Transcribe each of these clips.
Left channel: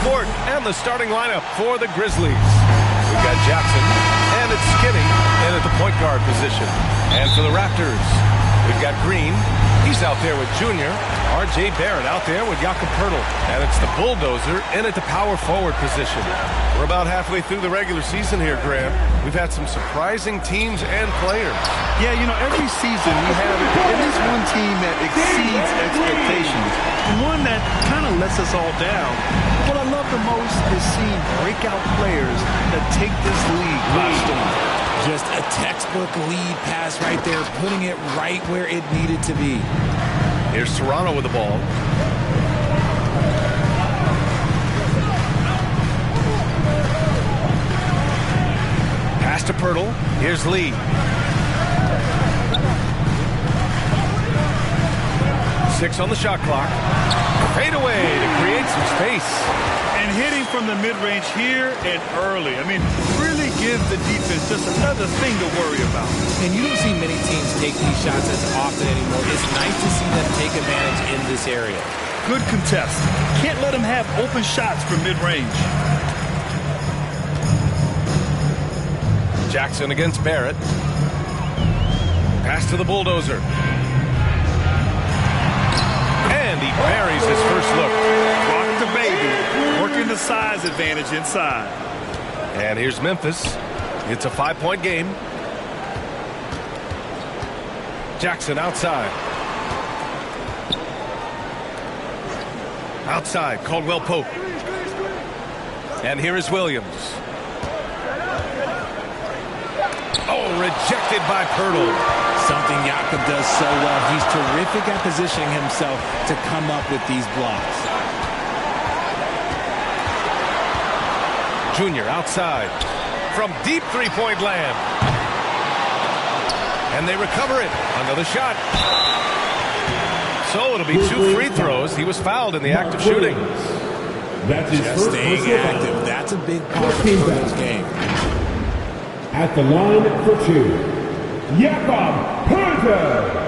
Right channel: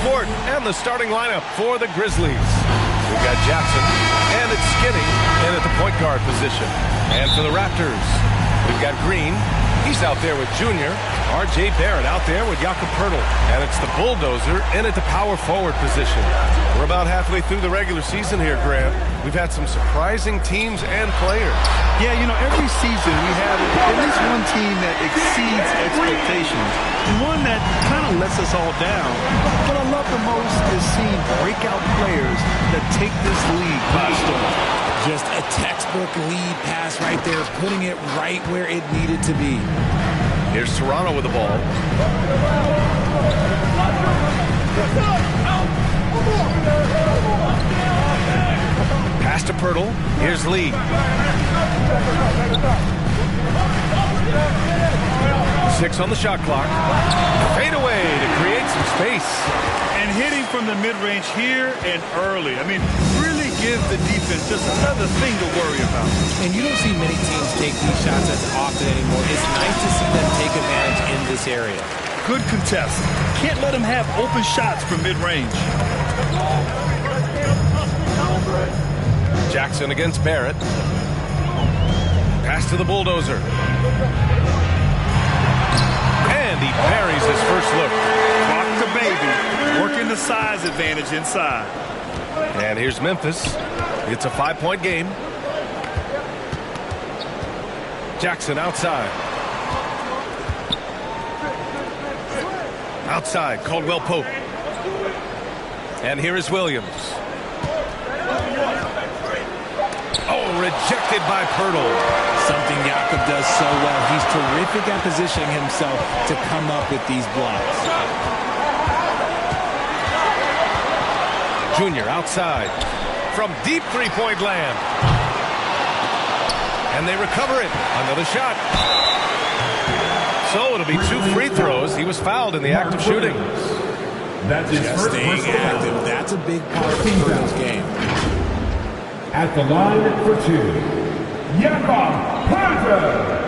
sport and the starting lineup for the Grizzlies. We've got Jackson, and it's Skinny in at the point guard position. And for the Raptors, we've got Green. He's out there with Junior. R.J. Barrett out there with Jakob Poeltl. And it's the Bulldozer in at the power forward position. We're about halfway through the regular season here, Grant. We've had some surprising teams and players. Yeah, you know, every season we have at least one team that exceeds expectations and one that kind of lets us all down. What I love the most is seeing breakout players that take this league by storm. Just a textbook lead pass right there, putting it right where it needed to be. Here's Toronto with the ball. Pass to Poeltl. Here's Lee. Six on the shot clock. Fade away to create some space. And hitting from the mid-range here and early. I mean, really give the defense just another thing to worry about. And you don't see many teams take these shots as often anymore. It's nice to see them take advantage in this area. Good contest. Can't let them have open shots from mid-range. Jackson against Barrett. Pass to the Bulldozer. And he buries his first look. Rock the baby. Working the size advantage inside. And here's Memphis. It's a 5-point game. Jackson outside. Outside, Caldwell Pope. And here is Williams. Oh, rejected by Poeltl. Something Jakob does so well. He's terrific at positioning himself to come up with these blocks. Junior outside from deep three-point land. And they recover it. Another shot. So it'll be 2 free throws. He was fouled in the act of shooting. That's his Just first staying active. That's a big part of Poeltl's game. At the line for 2, Jakob Poeltl.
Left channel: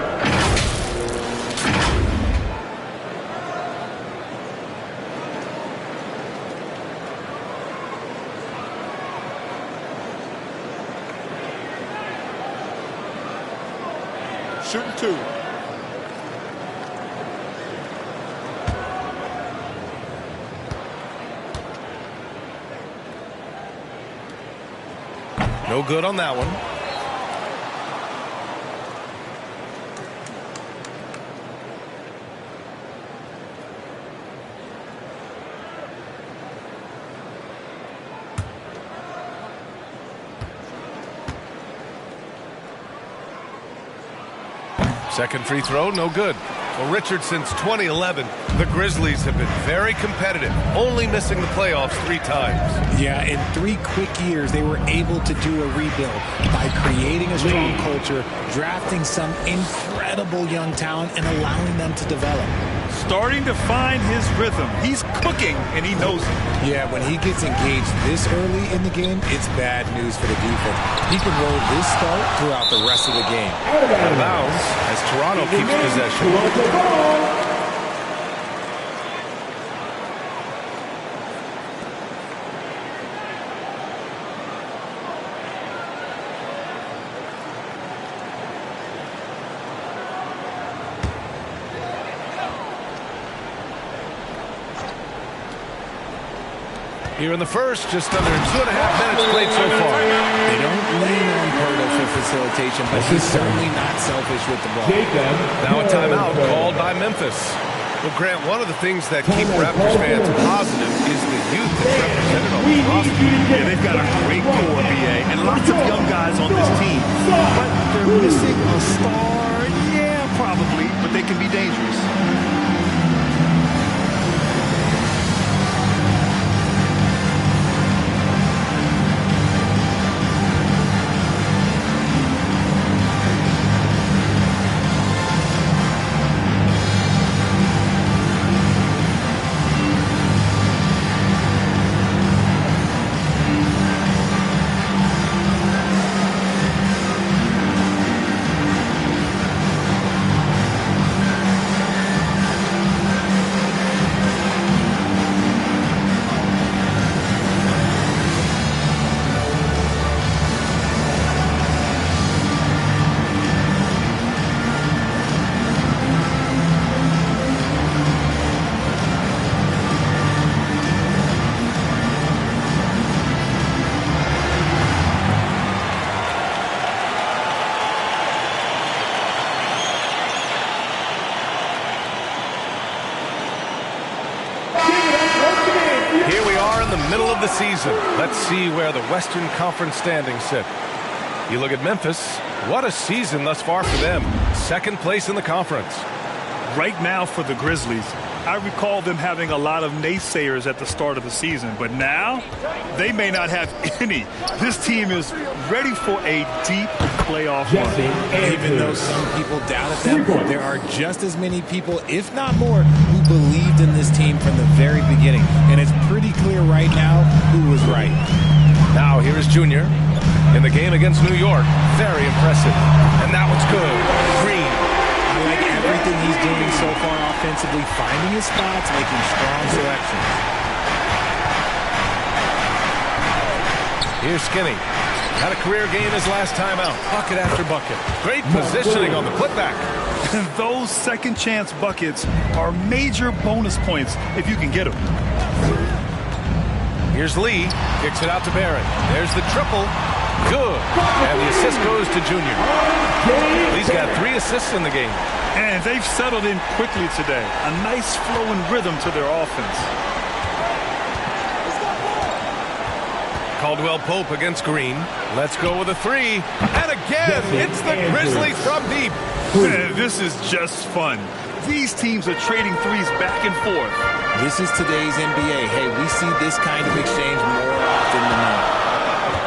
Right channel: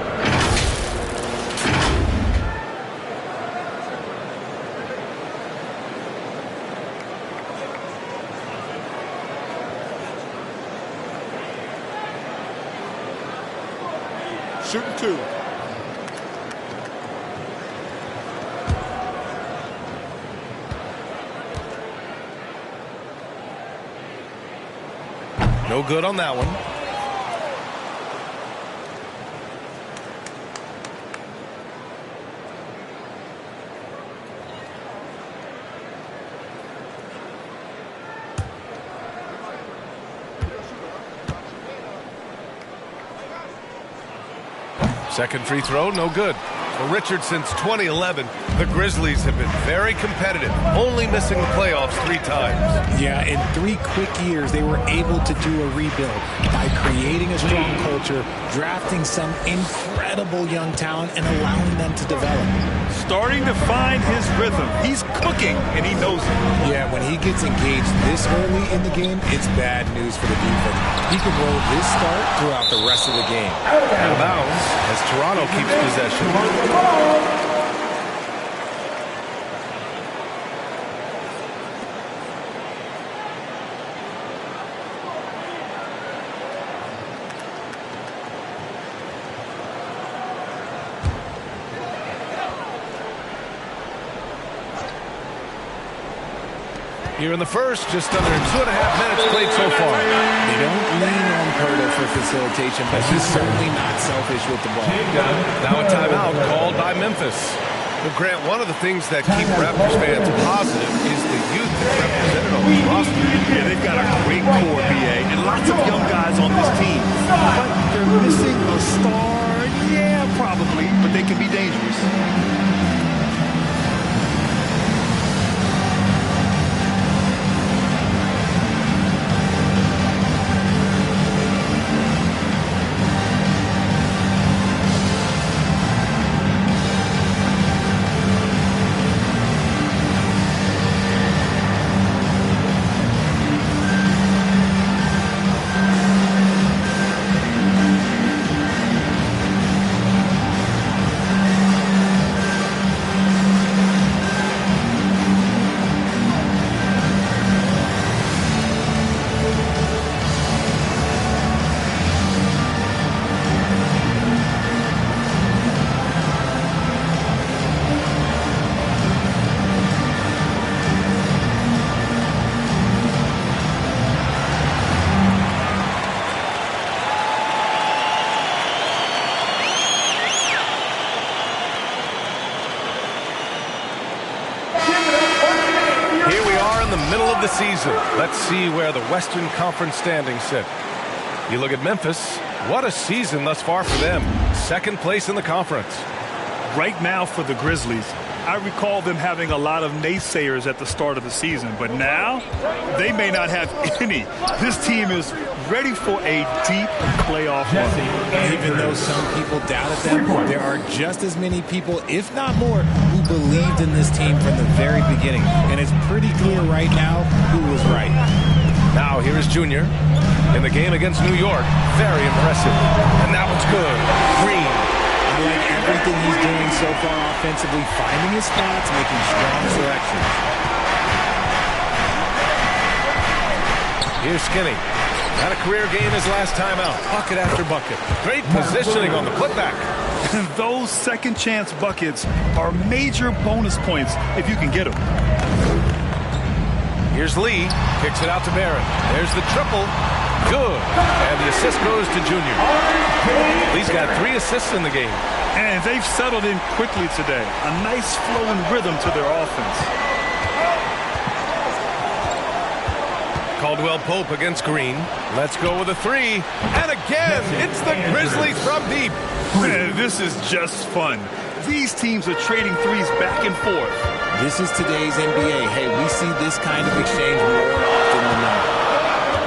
Shooting 2. No good on that one. Second free throw, no good. Well, Richard, since 2011, the Grizzlies have been very competitive, only missing the playoffs 3 times. Yeah, in 3 quick years, they were able to do a rebuild by creating a strong culture, drafting some incredible young talent, and allowing them to develop. Starting to find his rhythm. He's cooking, and he knows it. Yeah, when he gets engaged this early in the game, it's bad news for the defense. He can roll this start throughout the rest of the game. Out of bounds as Toronto keeps possession. Here in the first, just under 2.5 minutes played so far. They don't lean on Poeltl for facilitation, but he's certainly not selfish with the ball. Now a timeout called by Memphis. Well, Grant, one of the things that keep Raptors fans positive is the youth that's represented on this roster. Yeah, they've got a great core, BA, and lots of young guys on this team. But they're missing a star. Yeah, probably, but they can be dangerous. Here we are in the middle of the season. Let's see where the Western Conference standings sit. You look at Memphis. What a season thus far for them. Second place in the conference. Right now for the Grizzlies, I recall them having a lot of naysayers at the start of the season, but now they may not have any. This team is ready for a deep playoff run. Even though some people doubted them, there are just as many people, if not more, who believed in this team from the very beginning. And it's pretty clear right now who was right. Now here is Junior in the game against New York. Very impressive. And that one's good. Green. I like everything he's doing so far offensively, finding his spots, making strong selections. Here's Skinny. Had a career game his last time out. Bucket after bucket. Great positioning on the putback. And those second chance buckets are major bonus points if you can get them. Here's Lee. Kicks it out to Barrett. There's the triple. Good. And the assist goes to Junior. Lee's got 3 assists in the game. And they've settled in quickly today. A nice flowing rhythm to their offense. Caldwell Pope against Green. Let's go with a 3. And again, it's the Grizzlies from deep. Man, this is just fun. These teams are trading threes back and forth. This is today's NBA. Hey, we see this kind of exchange more often than not.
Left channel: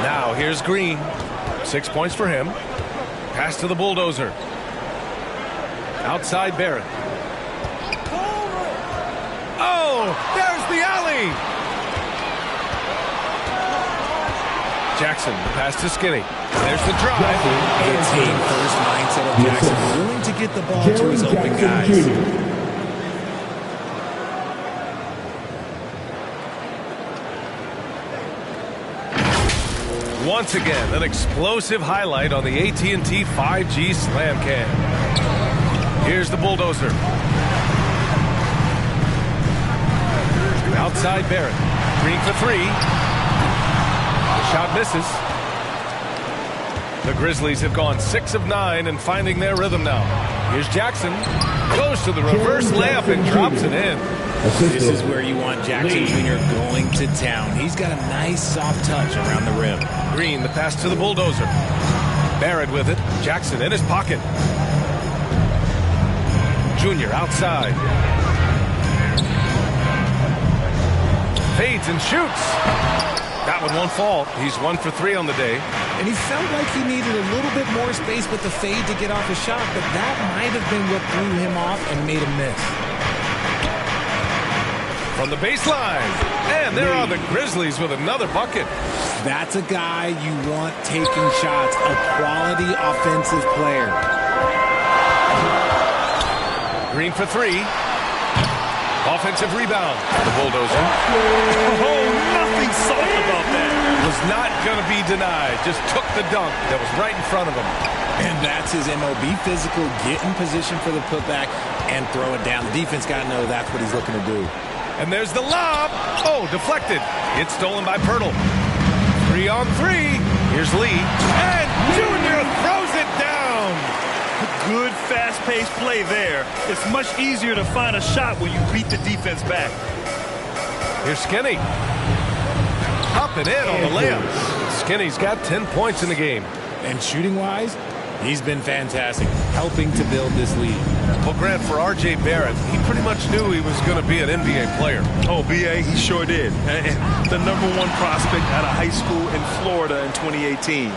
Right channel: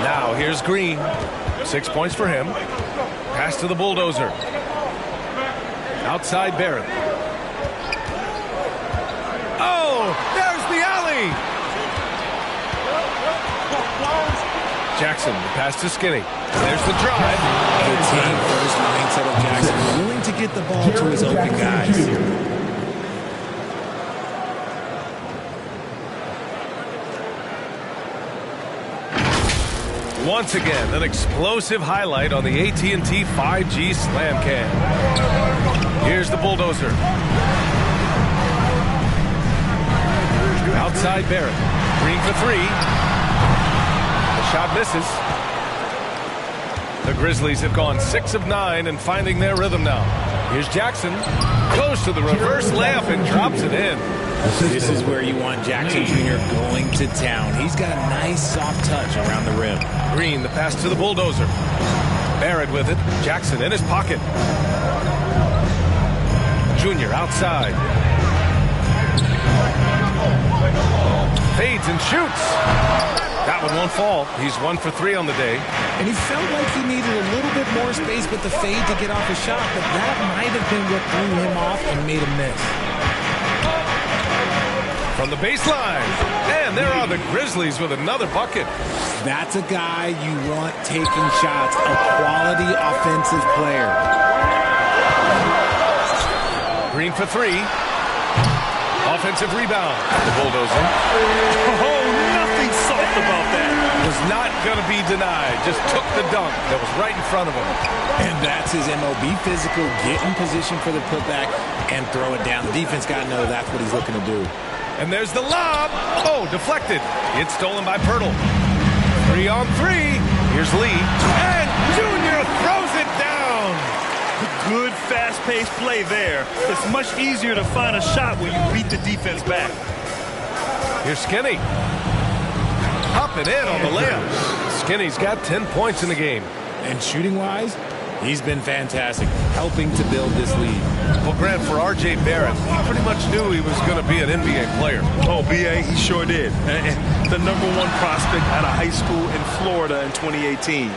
Now here's Green. 6 points for him. Pass to the bulldozer. Outside Barrett. Oh, there's the alley. Jackson, the pass to Skinny. There's the drive. The team first mindset of Jackson, willing to get the ball to his open guys. Once again, an explosive highlight on the AT&T 5G Slam Cam. Here's the bulldozer. Outside Barrett. Green for 3. The shot misses. The Grizzlies have gone 6 of 9 and finding their rhythm now. Here's Jackson. Goes to the reverse layup and drops it in. This is where you want Jackson Jr. going to town. He's got a nice soft touch around the rim. Green, the pass to the bulldozer. Barrett with it. Jackson in his pocket. Junior outside. Fades and shoots. That one won't fall. He's 1 for 3 on the day. And he felt like he needed a little bit more space with the fade to get off his shot, but that might have been what threw him off and made him miss. From the baseline. And there are the Grizzlies with another bucket. That's a guy you want taking shots, a quality offensive player. Green for 3. Offensive rebound. The bulldozer. Oh, nothing soft about that. Was not going to be denied. Just took the dunk that was right in front of him. And that's his MO. Be physical, get in position for the putback, and throw it down. The defense got to know that's what he's looking to do. And there's the lob. Oh, deflected. It's stolen by Pirtle. 3 on 3. Here's Lee. And Junior throws it down. Good, fast-paced play there. It's much easier to find a shot when you beat the defense back. Here's Skinny. Up and in on the layup. Skinny's got 10 points in the game. And shooting-wise, he's been fantastic, helping to build this lead. Well, Grant, for R.J. Barrett, he pretty much knew he was going to be an NBA player. Oh, B.A., he sure did. And the #1 prospect out of high school in Florida in 2018.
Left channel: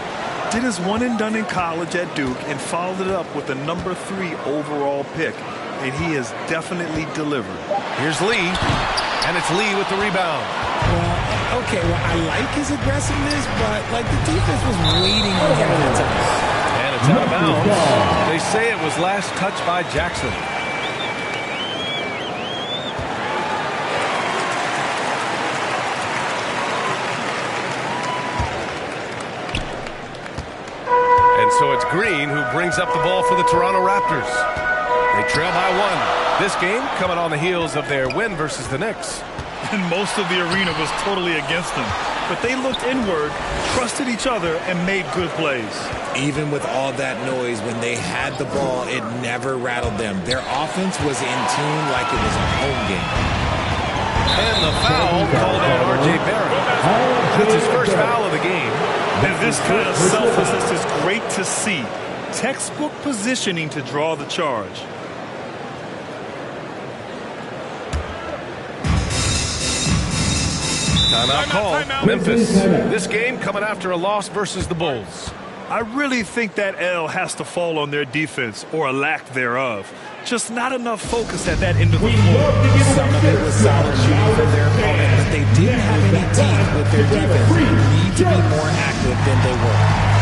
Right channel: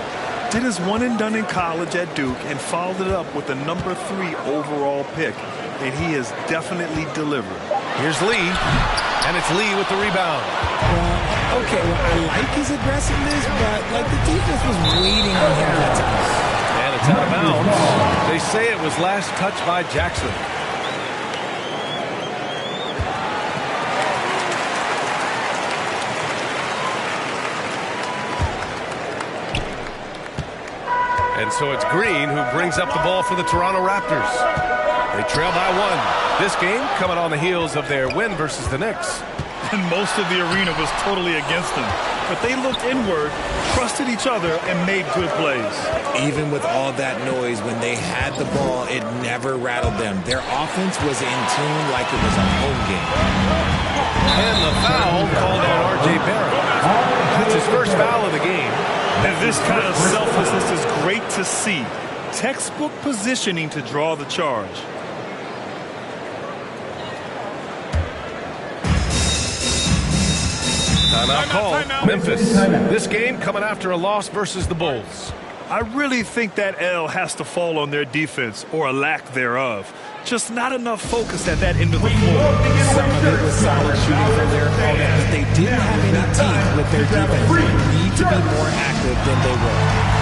Did his one and done in college at Duke and followed it up with the #3 overall pick. And he has definitely delivered. Here's Lee. And it's Lee with the rebound. Well, okay, I like his aggressiveness, but like the defense was waiting on him that time. And it's out of bounds. They say it was last touched by Jackson. And so it's Green who brings up the ball for the Toronto Raptors. They trail by 1. This game coming on the heels of their win versus the Knicks. And most of the arena was totally against them. But they looked inward, trusted each other, and made good plays. Even with all that noise, when they had the ball, it never rattled them. Their offense was in tune like it was a home game. And the foul called on R.J. Barrett. That's his first foul of the game. And this kind of selflessness is great to see. Textbook positioning to draw the charge. Timeout call. Memphis. This game coming after a loss versus the Bulls. I really think that L has to fall on their defense, or a lack thereof. Just not enough focus at that end of the floor. Some of it was solid shooting from their opponent, but they didn't have any teeth with their defense. They need to be more active than they were.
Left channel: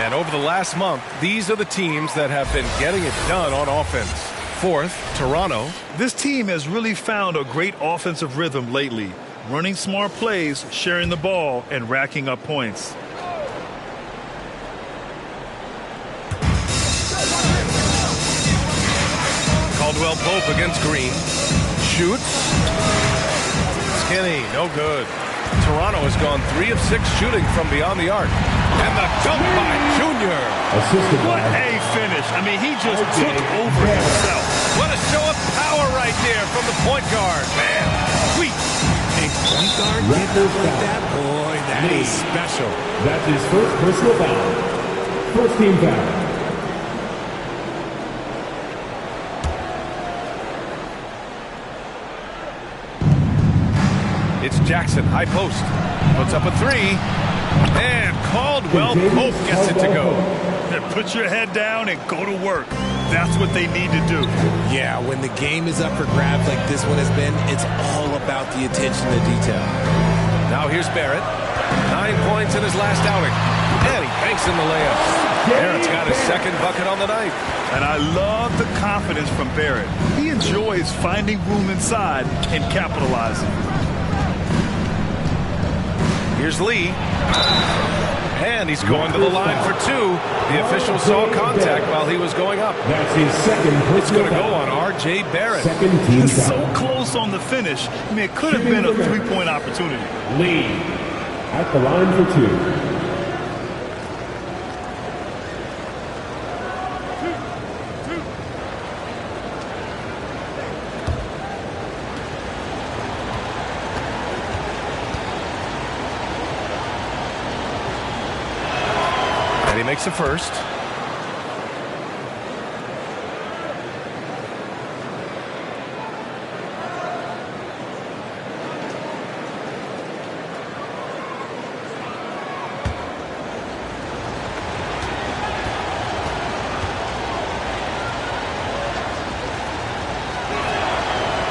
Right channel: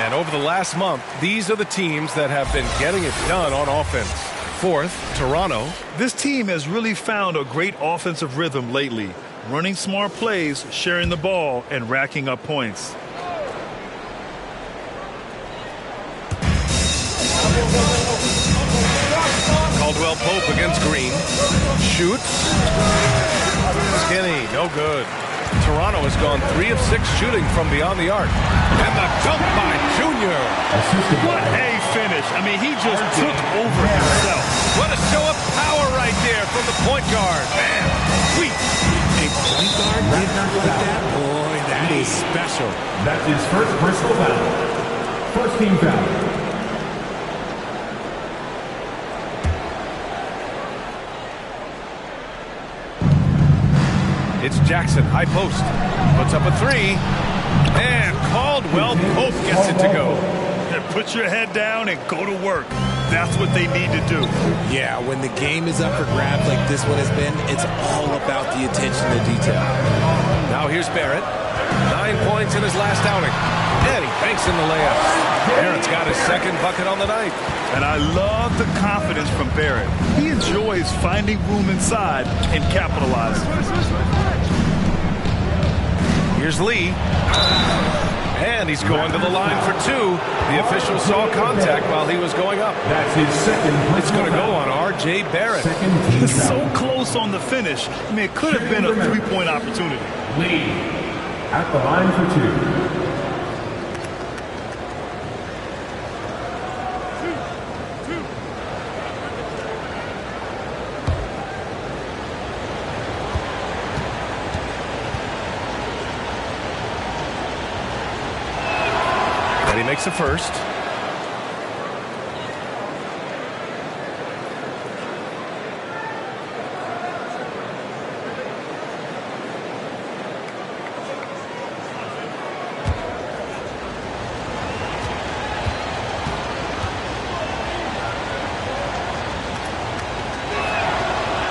And over the last month, these are the teams that have been getting it done on offense. Fourth, Toronto. This team has really found a great offensive rhythm lately. Running smart plays, sharing the ball, and racking up points. Caldwell Pope against Green. Shoots. Skinny, no good. Toronto has gone 3 of 6 shooting from beyond the arc. And the dunk by Junior. What a finish. I mean, he just took over himself. What a show of power right there from the point guard. Man, sweet. A point guard getting up like that? Boy, that is special. That's his first personal foul. First team foul. It's Jackson, high post. Puts up a 3. And Caldwell Pope gets it to go. Put your head down and go to work. That's what they need to do. Yeah, when the game is up for grabs like this one has been, it's all about the attention to detail. Now here's Barrett. 9 points in his last outing. And he banks in the layups. Barrett's got his second bucket on the night. And I love the confidence from Barrett. He enjoys finding room inside and capitalizing. Here's Lee. And he's going to the line for 2. The official saw contact while he was going up. That's his second. It's going to go on R.J. Barrett. Second team foul. So close on the finish. I mean, it could have been a three-point opportunity. Lee at the line for 2. He makes a first.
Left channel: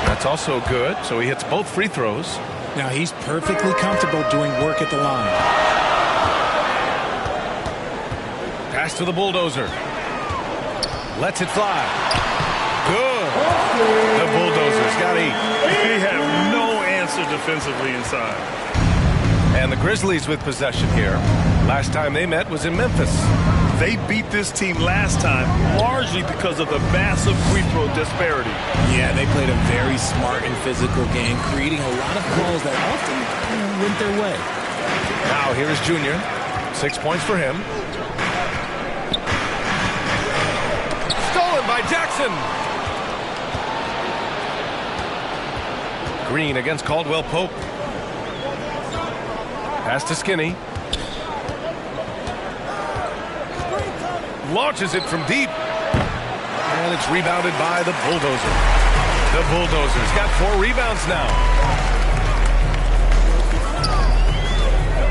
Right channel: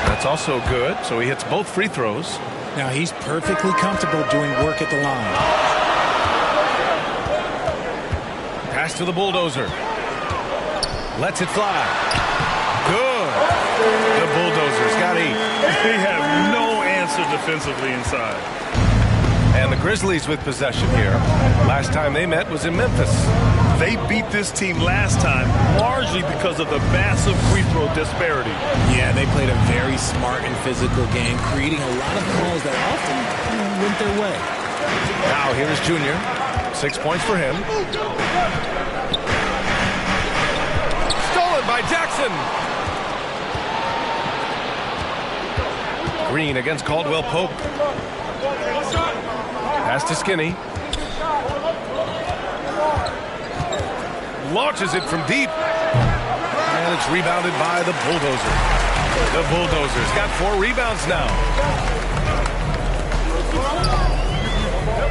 That's also good, so he hits both free throws. Now he's perfectly comfortable doing work at the line. Pass to the bulldozer. Lets it fly. Good. The Bulldozers got 8. They have no answer defensively inside. And the Grizzlies with possession here. Last time they met was in Memphis. They beat this team last time largely because of the massive free throw disparity. Yeah, they played a very smart and physical game, creating a lot of calls that often went their way. Now here is Junior. 6 points for him. Stolen by Jackson. Green against Caldwell Pope. Pass to Skinny. launches it from deep. And it's rebounded by the Bulldozer. The Bulldozers got 4 rebounds now.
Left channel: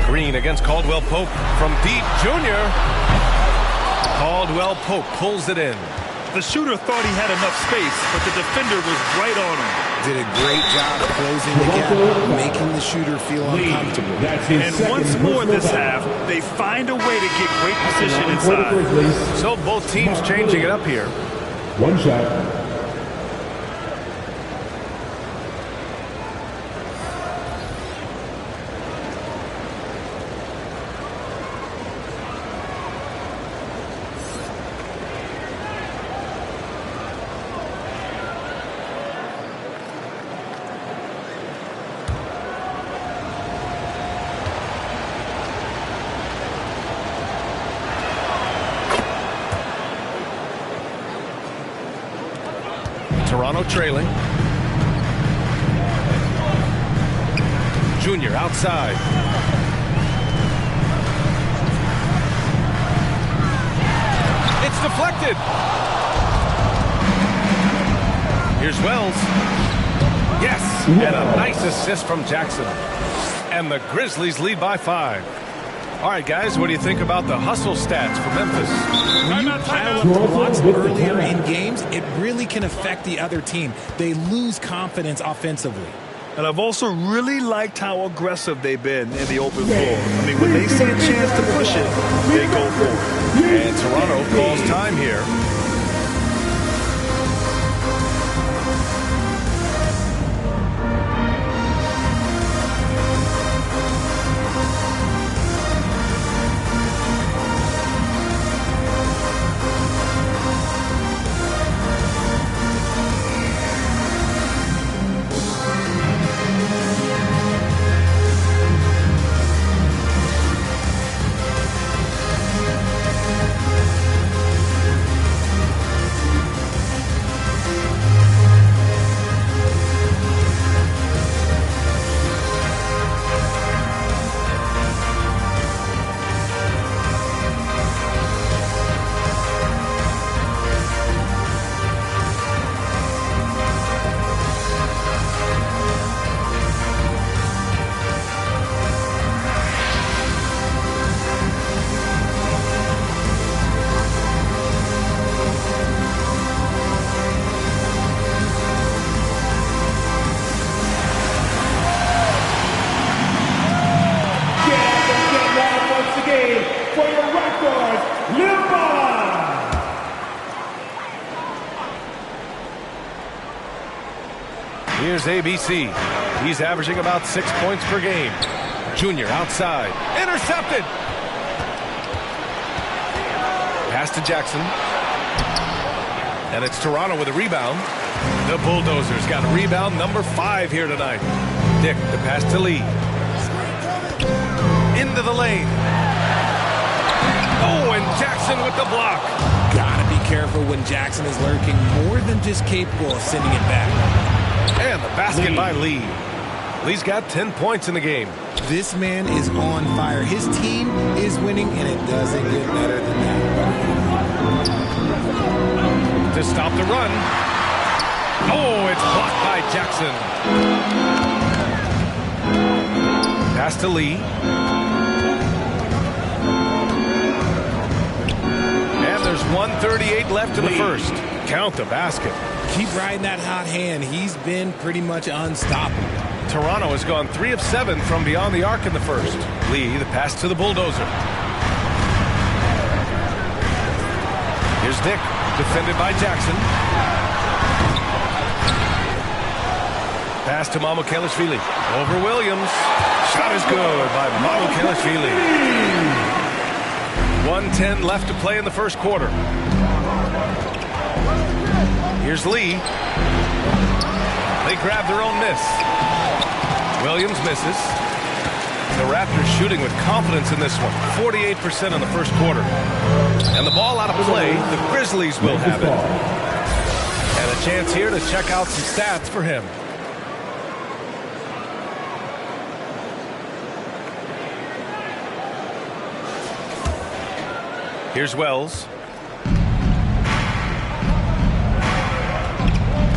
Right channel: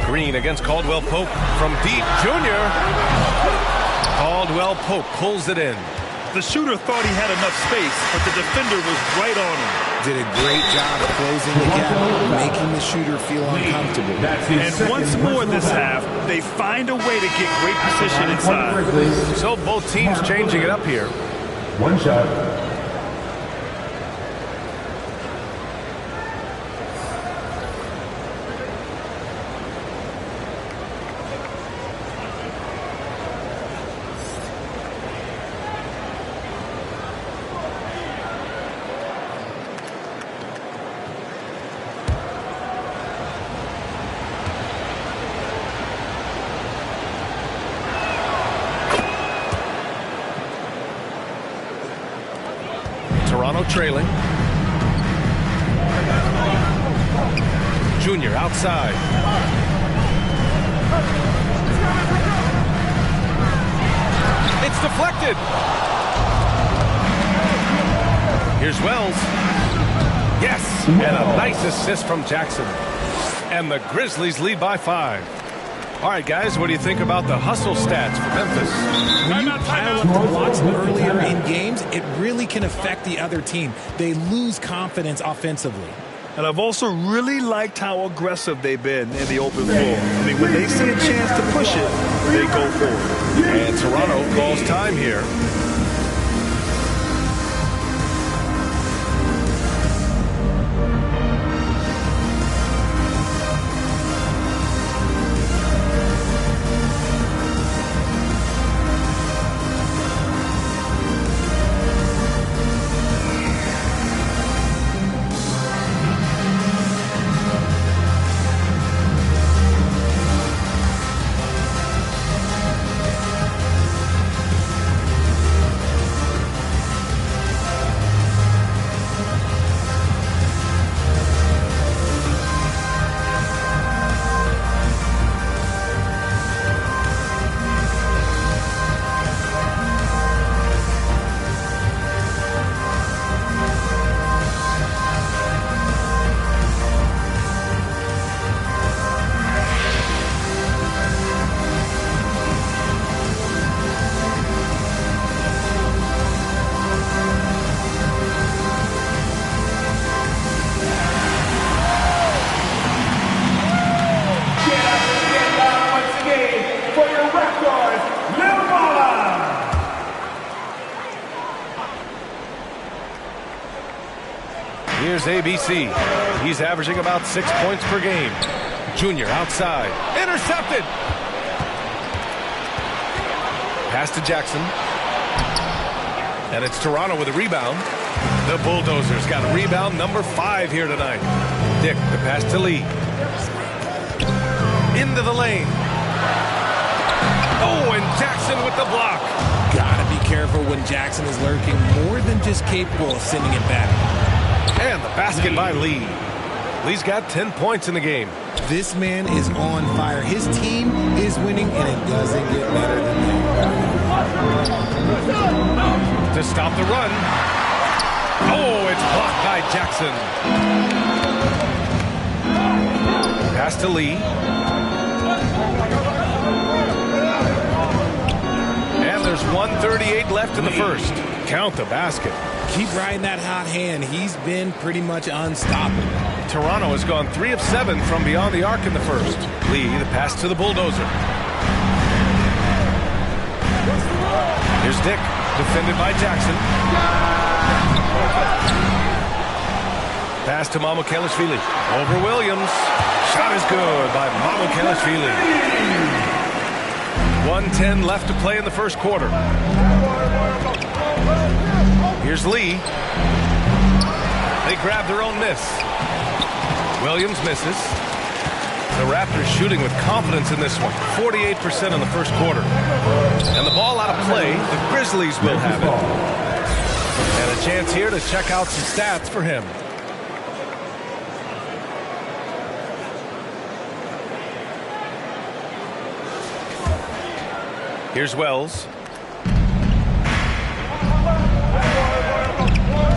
Green against Caldwell Pope from deep. Junior. Caldwell Pope pulls it in. The shooter thought he had enough space, but the defender was right on him. Did a great job closing the gap, making the shooter feel uncomfortable. And once more this half, they find a way to get great position inside. So both teams changing it up here. One shot. Toronto trailing. Junior outside. It's deflected. Here's Wells. Yes, and a nice assist from Jackson. And the Grizzlies lead by 5. All right, guys, what do you think about the hustle stats for Memphis? When you pile up the blocks earlier in games, it really can affect the other team. They lose confidence offensively. And I've also really liked how aggressive they've been in the open floor. I mean, when they see a chance to push it, they go for it. And Toronto calls time here. Here's ABC. He's averaging about 6 points per game. Junior outside. Intercepted. Pass to Jackson. And it's Toronto with a rebound. The Bulldozers got a rebound number 5 here tonight. Dick, the pass to Lee. Into the lane. Oh, and Jackson with the block. Gotta be careful when Jackson is lurking, more than just capable of sending it back. And the basket by Lee. Lee's got 10 points in the game. This man is on fire. His team is winning, and it doesn't get better than that. To stop the run. Oh, it's blocked by Jackson. Pass to Lee. And there's 1:38 left in the first. Count the basket. Keep riding that hot hand. He's been pretty much unstoppable. Toronto has gone 3 of 7 from beyond the arc in the first. Lee, the pass to the Bulldozer. Here's Dick, defended by Jackson. Pass to Mamukelashvili. Over Williams. Shot is good by Mamukelashvili. 1:10 left to play in the first quarter. Here's Lee. They grab their own miss. Williams misses. The Raptors shooting with confidence in this one. 48% in the first quarter. And the ball out of play. The Grizzlies will have it. And a chance here to check out some stats for him. Here's Wells.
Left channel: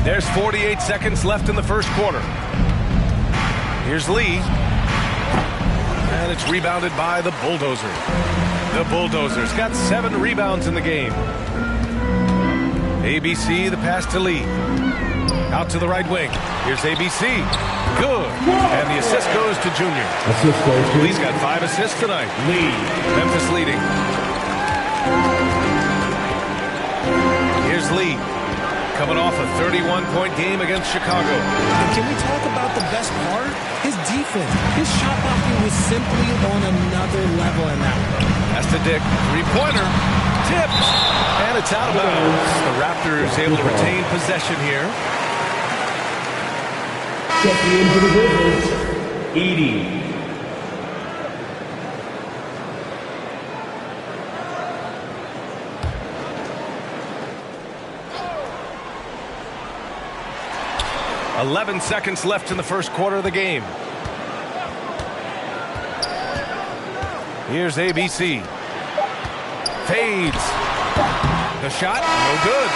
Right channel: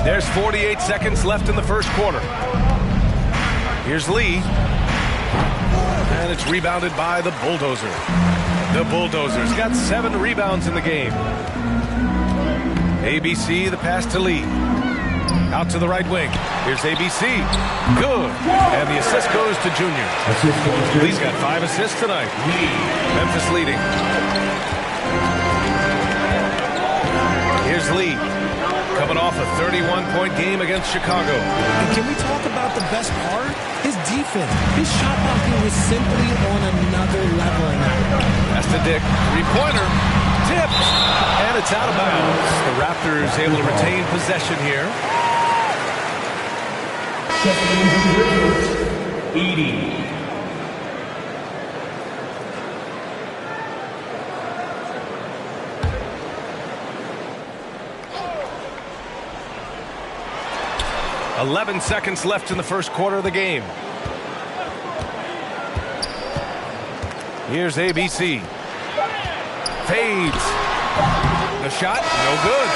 There's 48 seconds left in the first quarter. Here's Lee. And it's rebounded by the Bulldozer. The Bulldozers got 7 rebounds in the game. ABC, the pass to Lee. Out to the right wing. Here's ABC. Good. And the assist goes to Junior. Lee's got 5 assists tonight. Memphis leading. Here's Lee. Coming off a 31-point game against Chicago. And can we talk about the best part? His defense. His shot blocking was simply on another level in that one. Pass to Dick. 3-pointer. Tipped. And it's out of bounds. The Raptors able to retain possession here. Checking in for the Grizzlies, Edey. "11 seconds left in the first quarter of the game. Here's ABC. Fades. The shot, no good.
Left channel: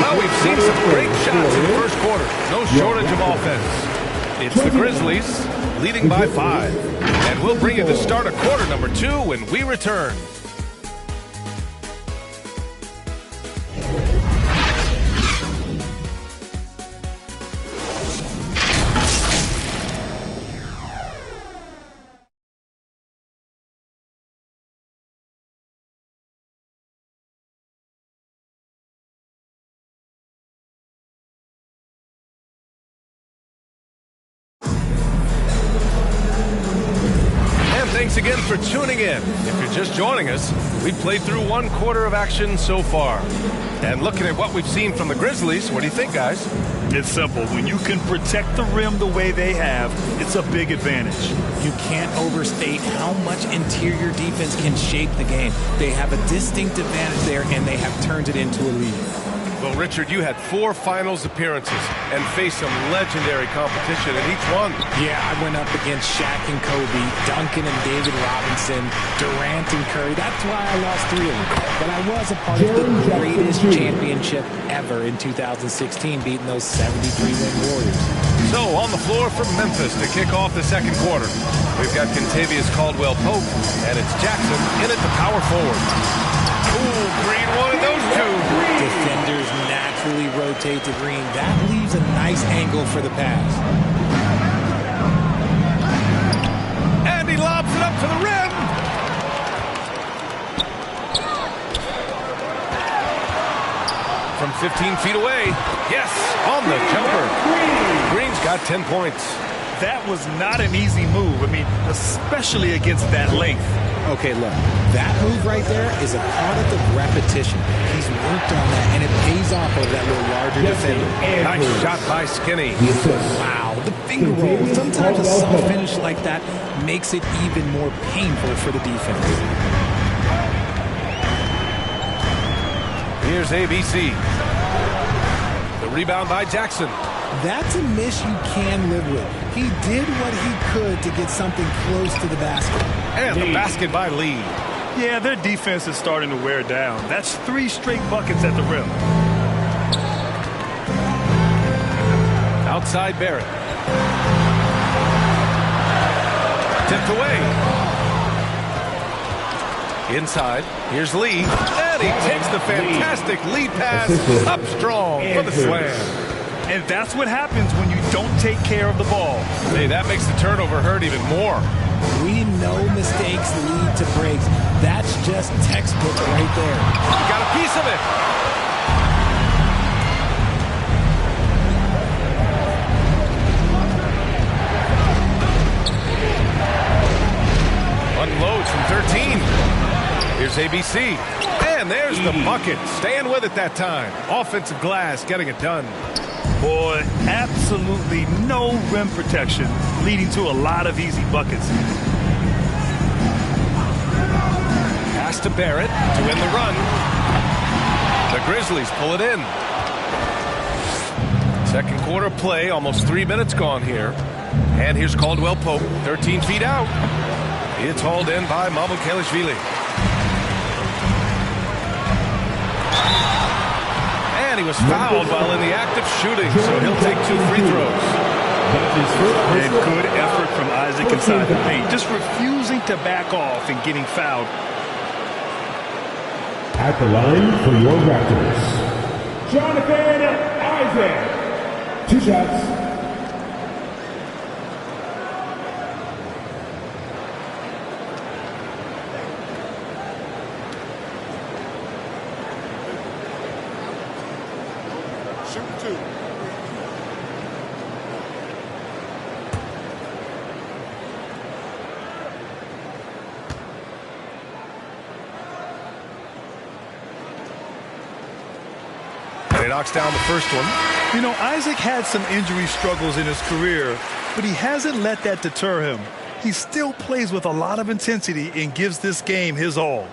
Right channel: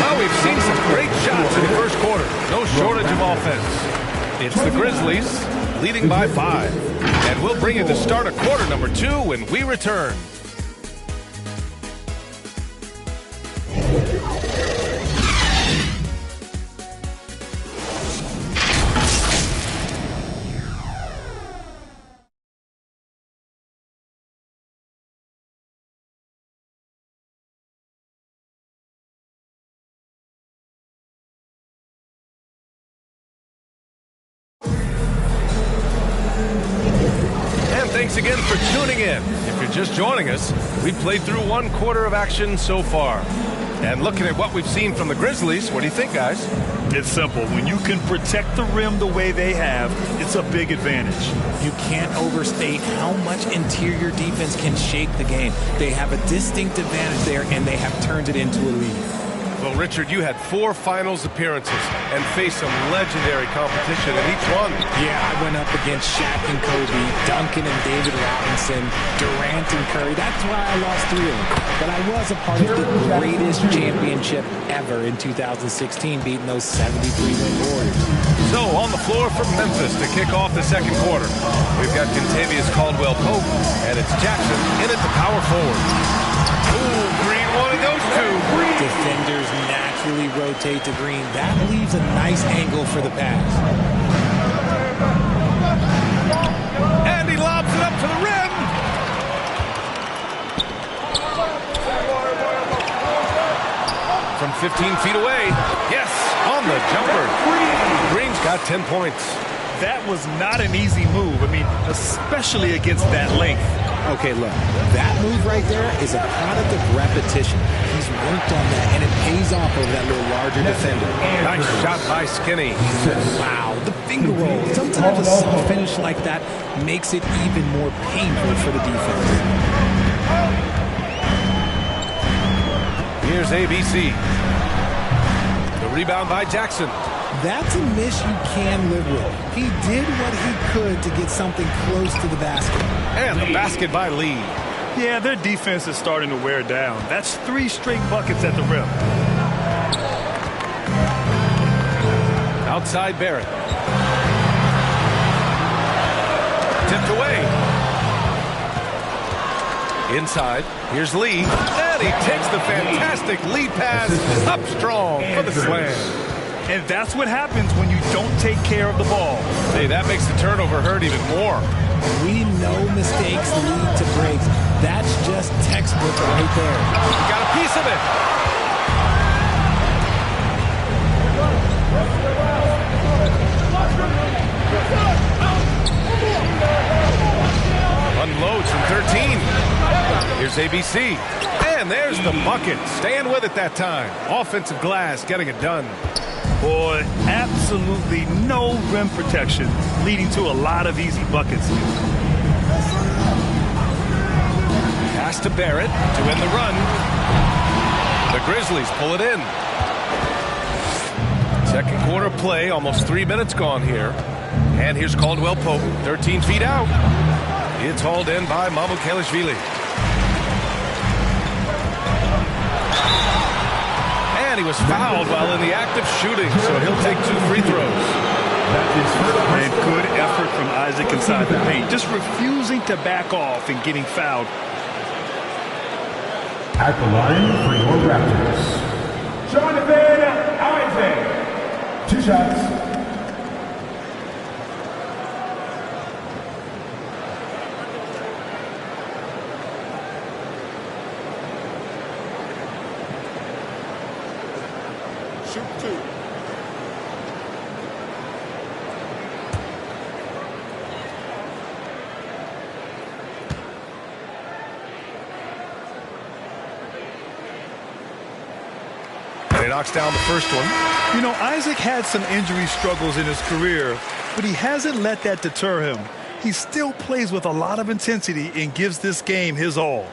Well, we've seen some great shots in the first quarter. No shortage of offense. It's the Grizzlies leading by 5. And we'll bring you the start of quarter number 2 when we return. Thanks again for tuning in. If you're just joining us, we've played through 1 quarter of action so far. And looking at what we've seen from the Grizzlies, what do you think, guys? It's simple. When you can protect the rim the way they have, it's a big advantage. You can't overstate how much interior defense can shape the game. They have a distinct advantage there, and they have turned it into a lead. Well, Richard, you had 4 finals appearances and faced some legendary competition in each one. Yeah, I went up against Shaq and Kobe, Duncan and David Robinson, Durant and Curry. That's why I lost 3 of them. But I was a part of the greatest championship ever in 2016, beating those 73-win Warriors. So, on the floor for Memphis to kick off the second quarter, we've got Kentavious Caldwell-Pope, and it's Jackson in at the power forward. Ooh, Green wanted those 2. Defenders naturally rotate to Green. That leaves a nice angle for the pass. And he lobs it up to the rim. From 15 feet away. Yes, on the jumper. Green's got 10 points. That was not an easy move. I mean, especially against that length. Okay, look, that move right there is a product of repetition. He's worked on that, and it pays off over that little larger defender. Nice shot by Skinny. Wow, the finger roll. Sometimes a soft finish like that makes it even more painful for the defense. Here's ABC. The rebound by Jackson. That's a miss you can live with. He did what he could to get something close to the basket. And the basket by Lee. Yeah, their defense is starting to wear down. That's 3 straight buckets at the rim. Outside Barrett. Tipped away. Inside. Here's Lee. And he takes the fantastic lead pass up strong for the slam. And that's what happens when you don't take care of the ball. Hey, that makes the turnover hurt even more. We know mistakes lead to breaks. That's just textbook right there. You got a piece of it. Unloads from 13. Here's ABC. And there's the bucket. Staying with it that time. Offensive glass getting it done. Boy, absolutely no rim protection, leading to a lot of easy buckets here. Pass to Barrett to end the run. The Grizzlies pull it in. Second quarter play, almost 3 minutes gone here. And here's Caldwell-Pope, 13 feet out. It's hauled in by Mamukelashvili. And he was fouled while in the act of shooting, so he'll take 2 free throws. And good effort from Isaac inside the paint. Just refusing to back off and getting fouled. At the line for your Raptors, Jonathan Isaac. 2 shots. Shoot 2. And he knocks down the first one. You know, Isaac had some injury struggles in his career, but he hasn't let that deter him. He still plays with a lot of intensity and gives this game his all.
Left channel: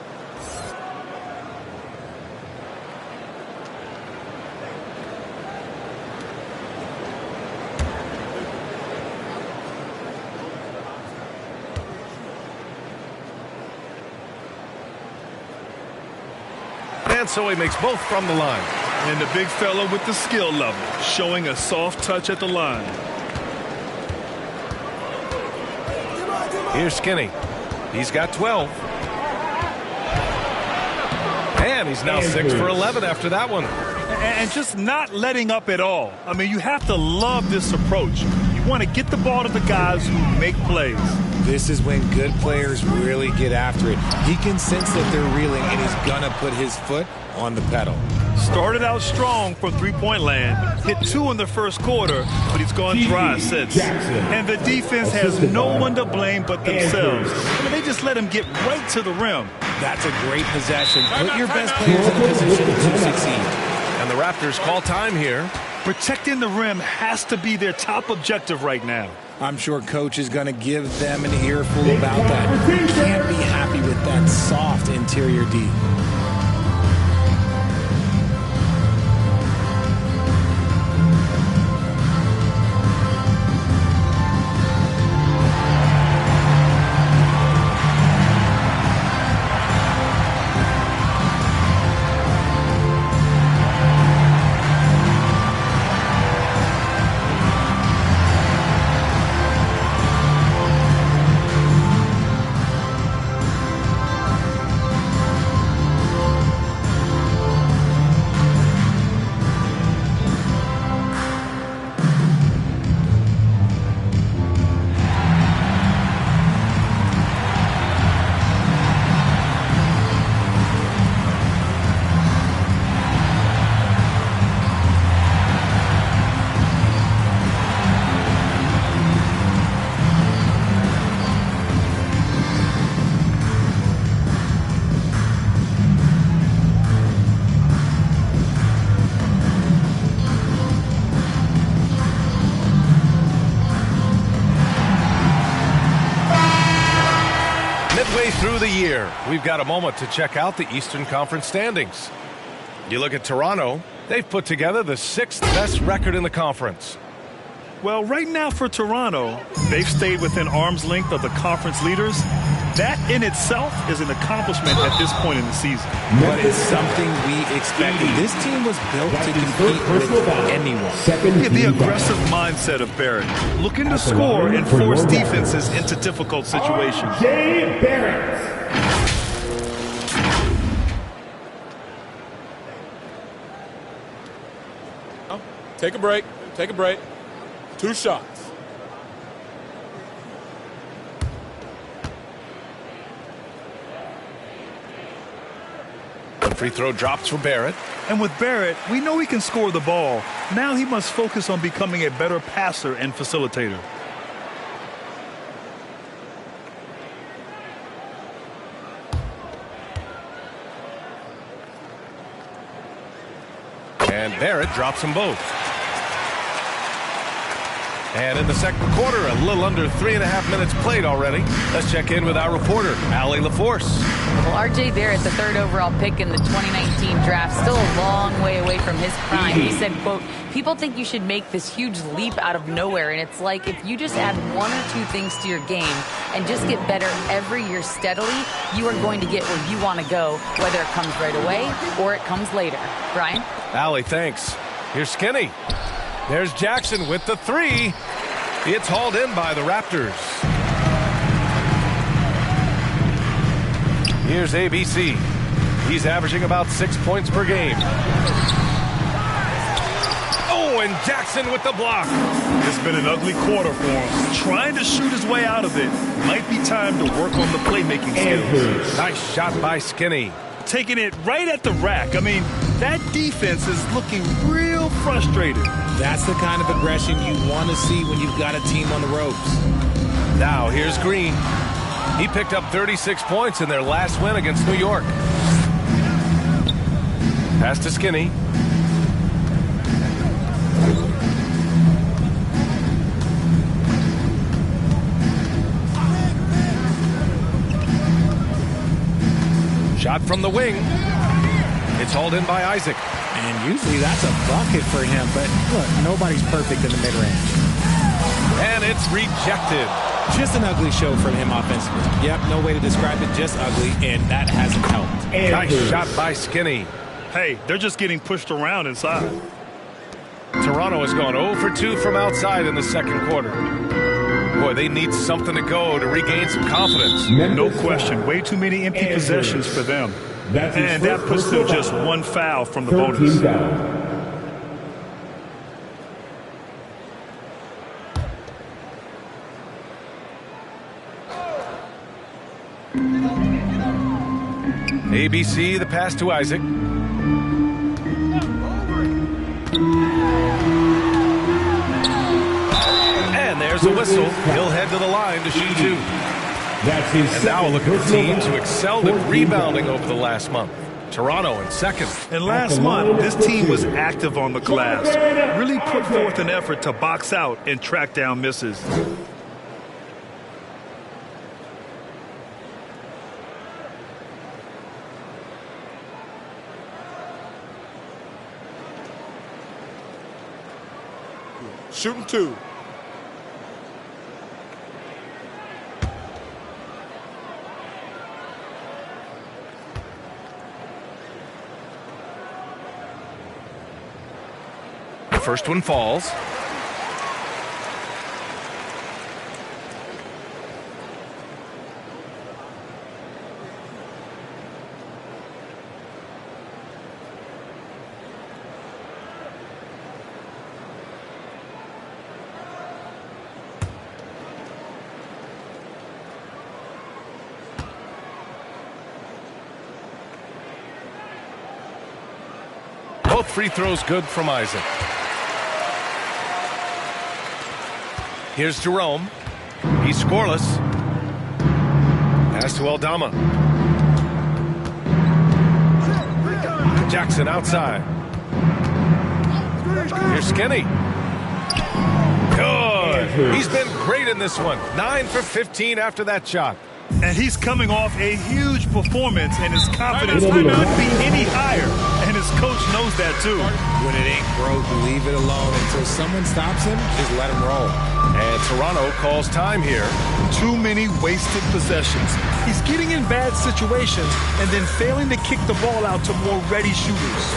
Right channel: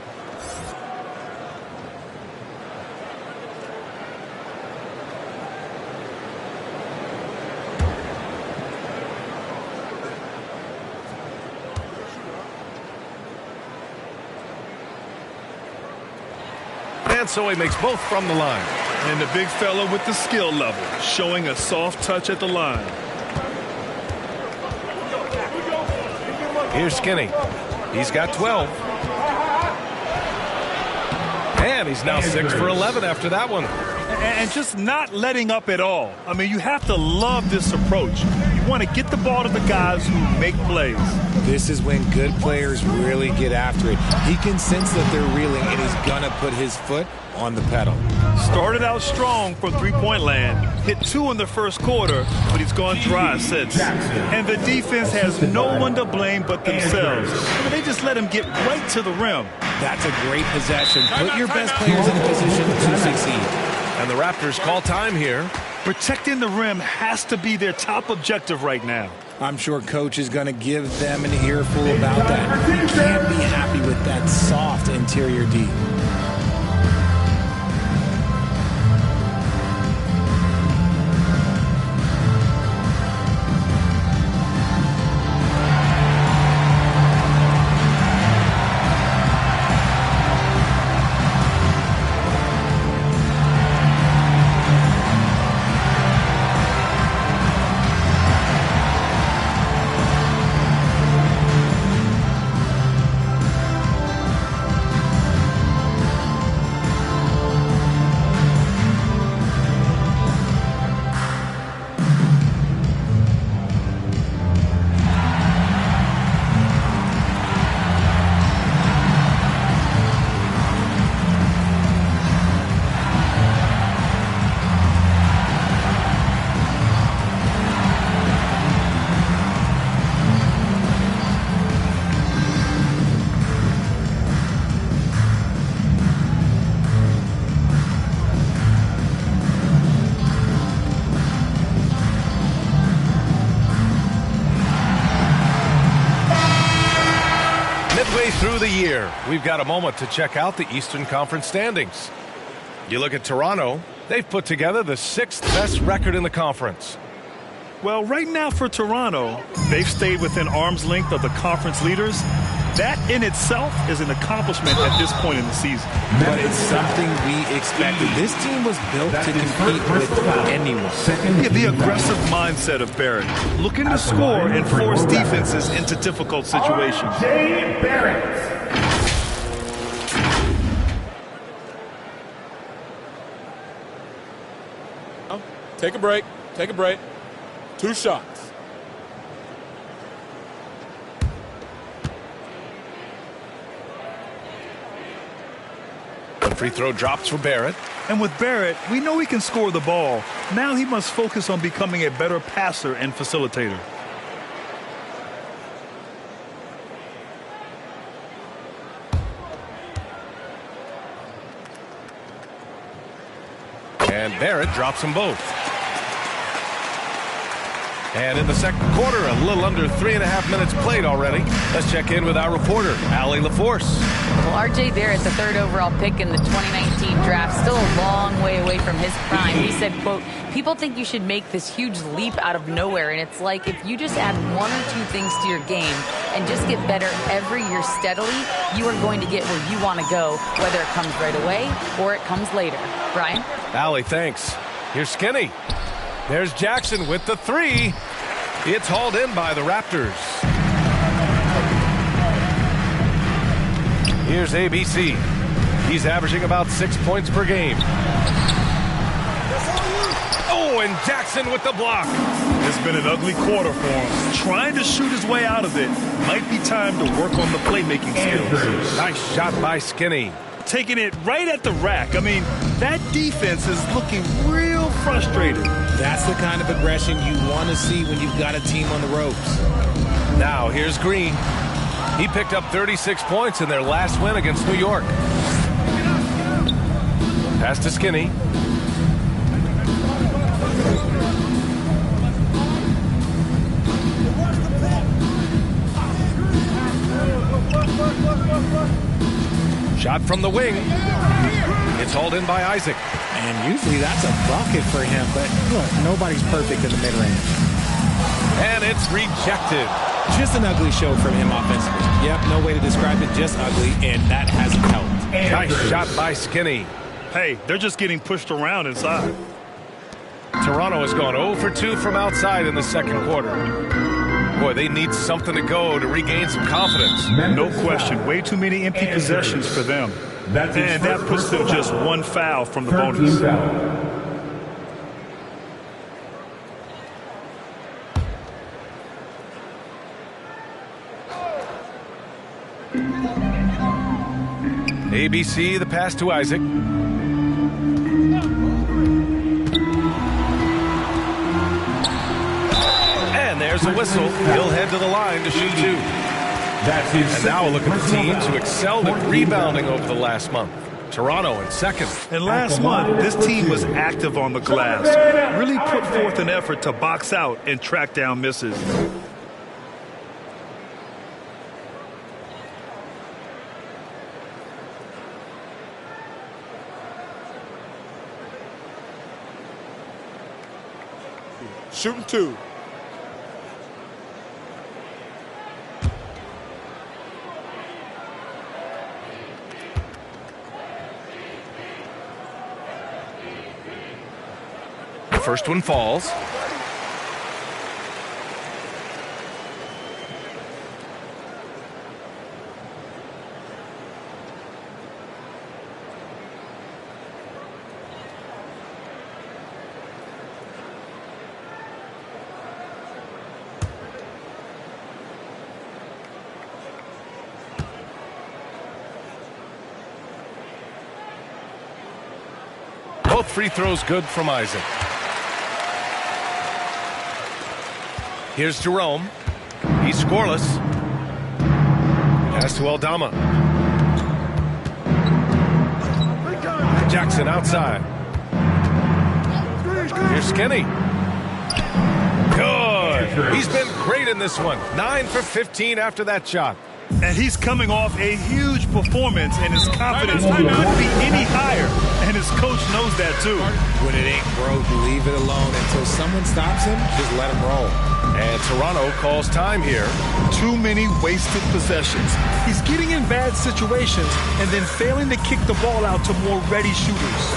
And so he makes both from the line. And the big fella with the skill level, showing a soft touch at the line. Here's Skinny. He's got 12. And he's now 6 for 11 after that one. And just not letting up at all. I mean, you have to love this approach. You want to get the ball to the guys who make plays. This is when good players really get after it. He can sense that they're reeling, and he's going to put his foot on the pedal. Started out strong from three-point land. Hit 2 in the first quarter, but he's gone dry since. And the defense has no one to blame but themselves. I mean, they just let him get right to the rim. That's a great possession. Put your best players in a position to succeed. And the Raptors call time here. Protecting the rim has to be their top objective right now. I'm sure Coach is going to give them an earful about that. You can't be happy with that soft interior D. Midway through the year, we've got a moment to check out the Eastern Conference standings. You look at Toronto, they've put together the 6th best record in the conference. Well, right now for Toronto, they've stayed within arm's length of the conference leaders. That in itself is an accomplishment at this point in the season. But it's something we expected. This team was built to compete with anyone. Yeah, the aggressive mindset of Barrett, looking to score and force defenses into difficult situations. Jay Barrett. Take a break. Take a break. 2 shots. One free throw drops for Barrett. And with Barrett, we know he can score the ball. Now he must focus on becoming a better passer and facilitator. And Barrett drops them both. And in the second quarter, a little under 3.5 minutes played already. Let's check in with our reporter, Allie LaForce. Well, R.J. Barrett, the third overall pick in the 2019 draft, still a long way away from his prime. He said, quote, people think you should make this huge leap out of nowhere. And it's like if you just add one or two things to your game and just get better every year steadily, you are going to get where you want to go, whether it comes right away or it comes later. Brian? Allie, thanks. Here's Skinny. There's Jackson with the three. It's hauled in by the Raptors. Here's ABC. He's averaging about 6 points per game. Oh, and Jackson with the block. It's been an ugly quarter for him. Trying to shoot his way out of it. Might be time to work on the playmaking skills. Nice shot by Skinny. Taking it right at the rack. I mean, that defense is looking real frustrated. That's the kind of aggression you want to see when you've got a team on the ropes. Now here's Green. He picked up 36 points in their last win against New York. Pass to Skinny. Shot from the wing. It's hauled in by Isaac. And usually that's a bucket for him, but look, nobody's perfect in the mid-range. And it's rejected. Just an ugly show from him offensively. Yep, no way to describe it, just ugly, and that hasn't helped. Nice shot by Skinny. Hey, they're just getting pushed around inside. Toronto has gone 0 for 2 from outside in the second quarter. Boy, they need something to go to regain some confidence. No question. Way too many empty possessions for them. And that puts them just one foul from the bonus. ABC, the pass to Isaac. And there's a whistle. He'll head to the line to shoot two. And now we'll look at the teams who excelled at rebounding over the last month. Toronto in second. And last month, this team was active on the glass. Really put forth an effort to box out and track down misses. Shooting two. First one falls. Both free throws good from Isaac. Here's Jerome. He's scoreless. Pass to Aldama. Jackson outside. Here's Skinny. Good. He's been great in this one. 9 for 15 after that shot. And he's coming off a huge performance, and his confidence couldn't be any higher. And his coach knows that, too. When it ain't broke, leave it alone until someone stops him. Just let him roll. And Toronto calls time here. Too many wasted possessions. He's getting in bad situations and then failing to kick the ball out to more ready shooters.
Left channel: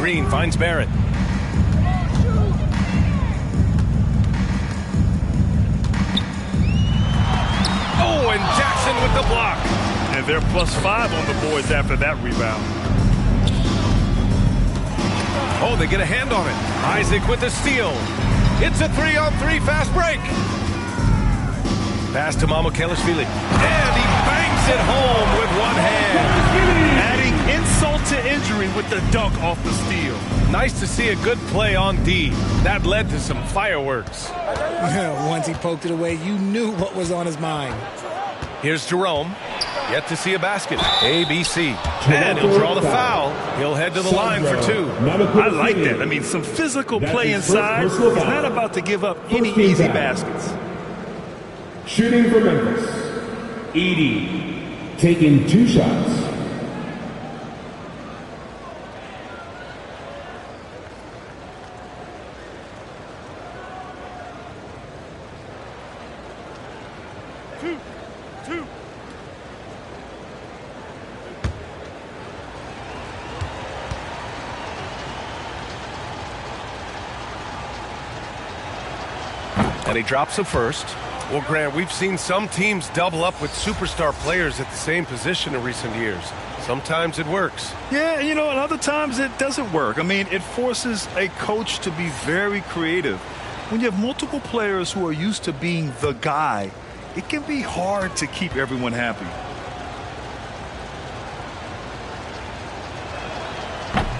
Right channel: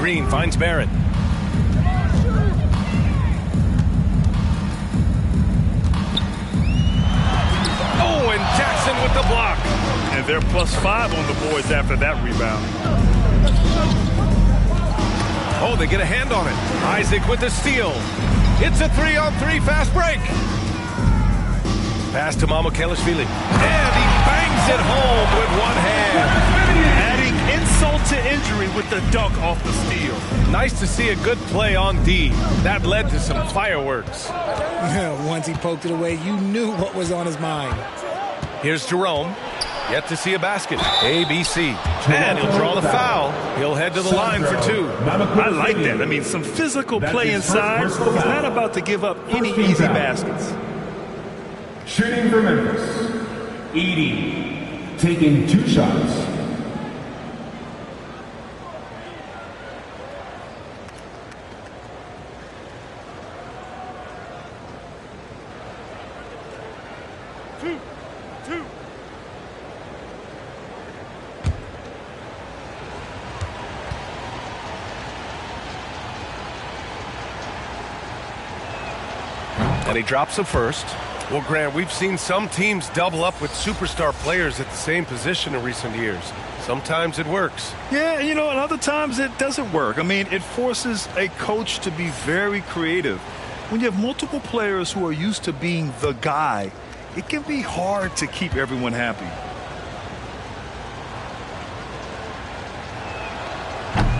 Green finds Barrett. Oh, and Jackson with the block. And they're +5 on the boards after that rebound. Oh, they get a hand on it. Isaac with the steal. It's a 3-on-3 fast break. Pass to Mamukelashvili. And he bangs it home with one hand. Adding insult to injury with the dunk off the steal. Nice to see a good play on D. That led to some fireworks. Once he poked it away, you knew what was on his mind. Here's Jerome. Yet to see a basket. ABC. And he'll draw the foul. He'll head to the line for 2. I like that. I mean, some physical play inside. He's not about to give up any easy baskets. Shooting for Memphis, Edey, taking 2 shots. Two. And he drops the first. Well, Grant, we've seen some teams double up with superstar players at the same position in recent years. Sometimes it works. Yeah, and other times it doesn't work. I mean, it forces a coach to be very creative. When you have multiple players who are used to being the guy, it can be hard to keep everyone happy.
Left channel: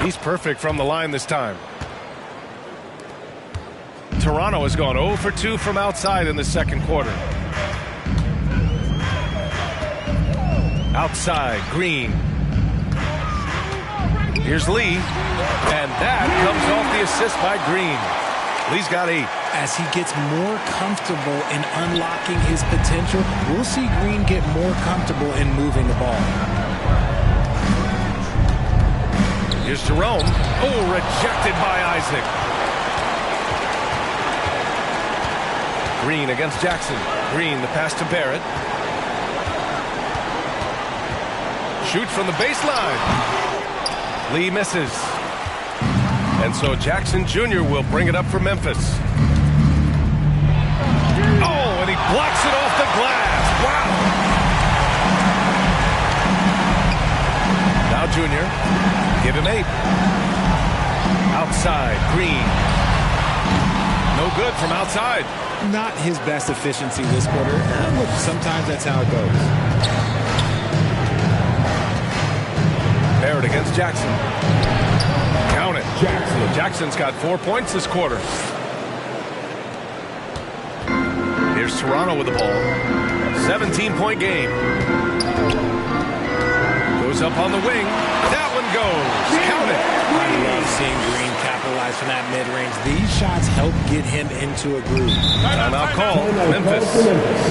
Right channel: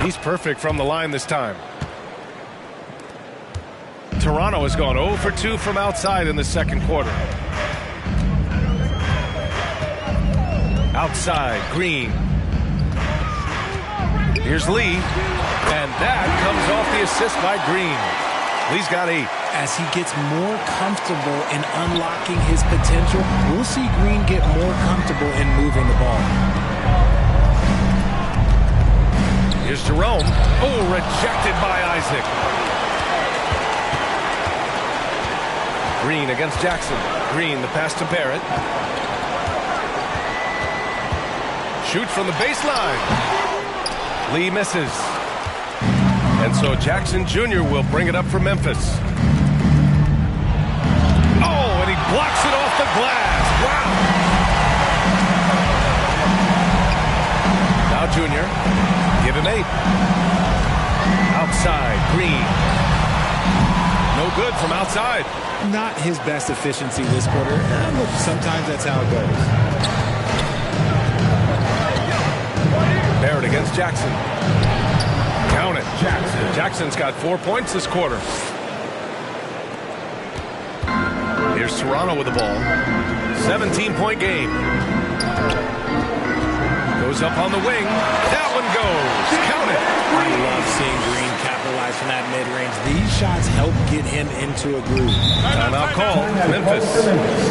He's perfect from the line this time. Toronto has gone 0 for 2 from outside in the second quarter. Outside, Green. Here's Lee. And that comes off the assist by Green. Lee's got 8. As he gets more comfortable in unlocking his potential, we'll see Green get more comfortable in moving the ball. Here's Jerome. Oh, rejected by Isaac. Green against Jackson. Green, the pass to Barrett. Shoots from the baseline. Lee misses. And so Jackson Jr. will bring it up for Memphis. Oh, and he blocks it off the glass. Wow. Now Jr. Give him 8. Outside, Green. No good from outside. Not his best efficiency this quarter. Look, sometimes that's how it goes. Barrett against Jackson. Count it. Jackson's got 4 points this quarter. Here's Toronto with the ball. 17-point game. Goes up on the wing. That one goes. Count it. I love seeing Green capitalize from that mid-range. These shots help get him into a groove. Timeout call. Memphis.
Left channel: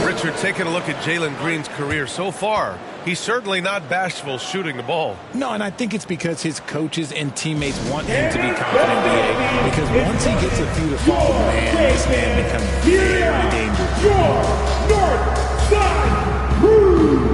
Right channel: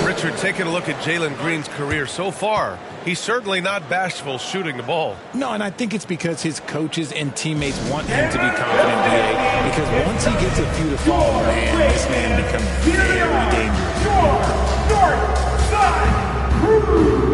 Richard, taking a look at Jalen Green's career so far, he's certainly not bashful shooting the ball. No, and I think it's because his coaches and teammates want him to be confident, B.A. Because once he gets a few to fall, man, this man becomes very dangerous. Your North Side Crew.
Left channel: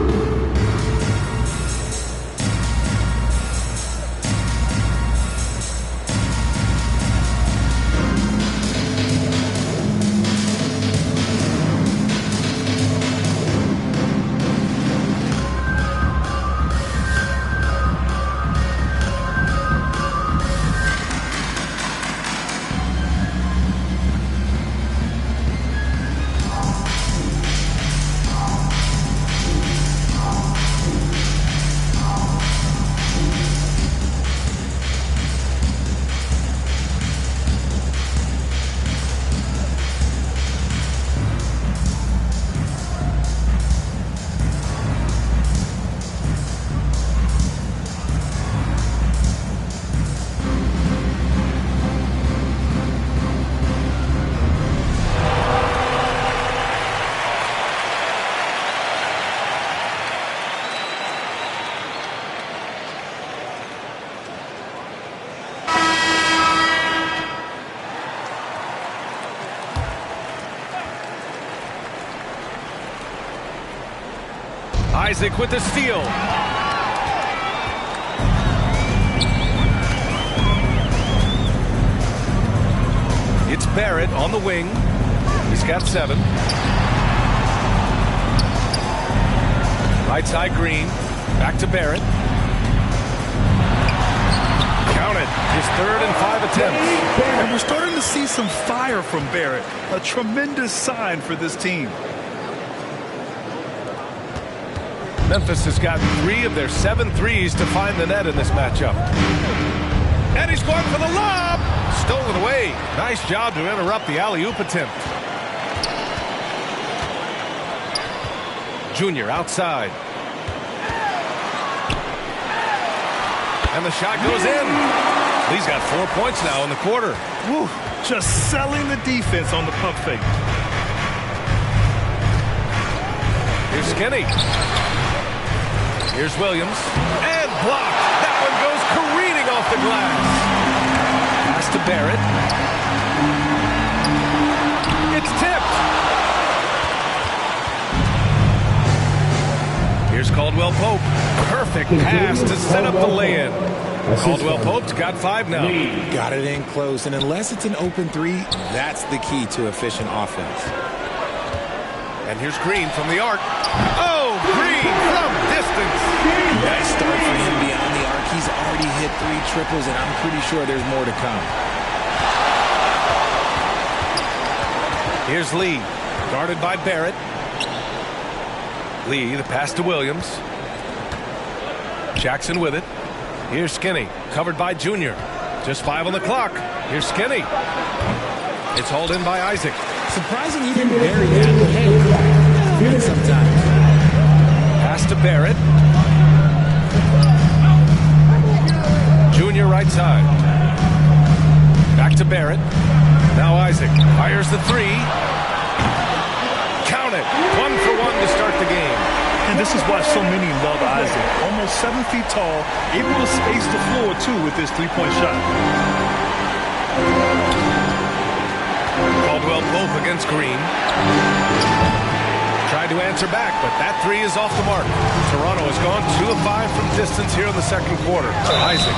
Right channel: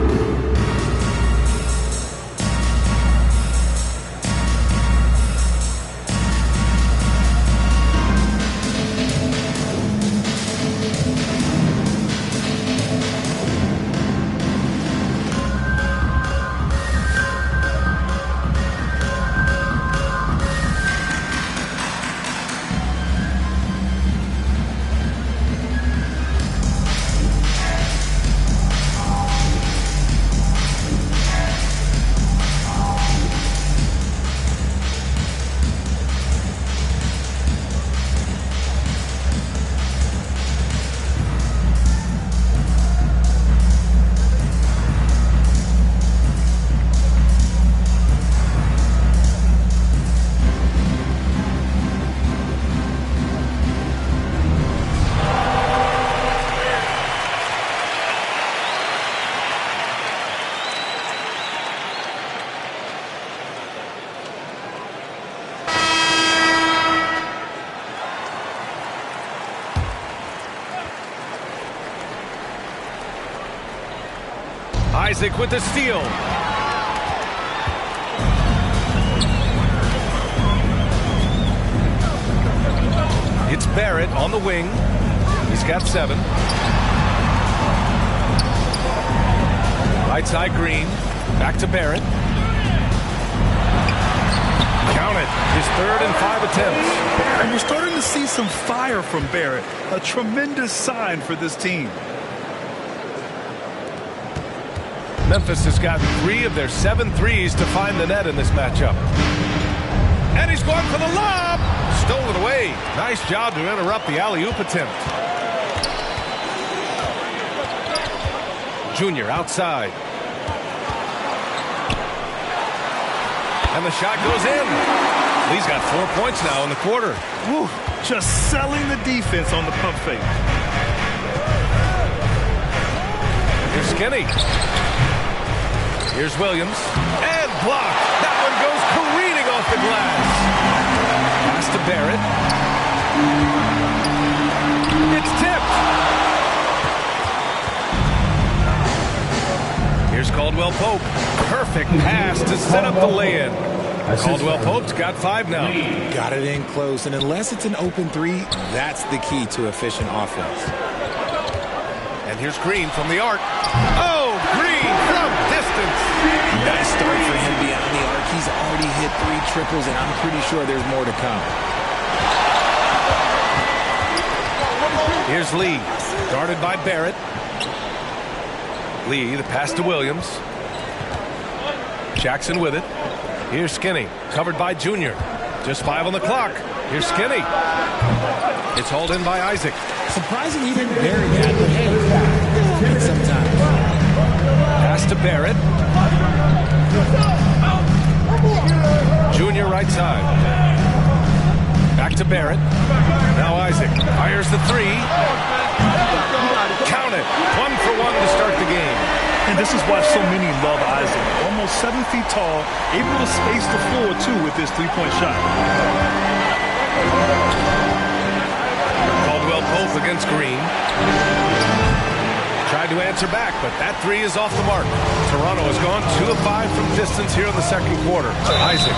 Isaac with the steal. Barrett on the wing. He's got 7. Right side Green. Back to Barrett. Count it. His 3rd and 5 attempts. And we're starting to see some fire from Barrett. A tremendous sign for this team. Memphis has gotten 3 of their 7 threes to find the net in this matchup. And he's going for the lob. Stolen away. Nice job to interrupt the alley-oop attempt. Junior outside. And the shot goes in. Lee's got 4 points now in the quarter. Woo, just selling the defense on the pump fake. Here's Skinny. Here's Williams. And blocked. That one goes careening off the glass. Pass to Barrett. It's tipped. Here's Caldwell Pope. Perfect pass to set up the lay-in. Caldwell Pope's got 5 now. Got it in close, and unless it's an open 3, that's the key to efficient offense. And here's Green from the arc. Oh, Green from distance. Nice start for him beyond the arc. He's already hit 3 triples, and I'm pretty sure there's more to come. Here's Lee, guarded by Barrett. Lee, the pass to Williams. Jackson with it. Here's Skinny, covered by Junior. Just 5 on the clock. Here's Skinny. It's hauled in by Isaac. Surprising he didn't bury that, but hey, it happens sometimes. Pass to Barrett. Junior right side. Back to Barrett. Now Isaac fires the 3. Count it. 1 for 1 to start the game. And this is why so many love Isaac. Almost 7 feet tall, able to space the floor, too, with this 3-point shot. Caldwell Pope against Green. Tried to answer back, but that 3 is off the mark. Toronto has gone 2 of 5 from distance here in the second quarter. Isaac.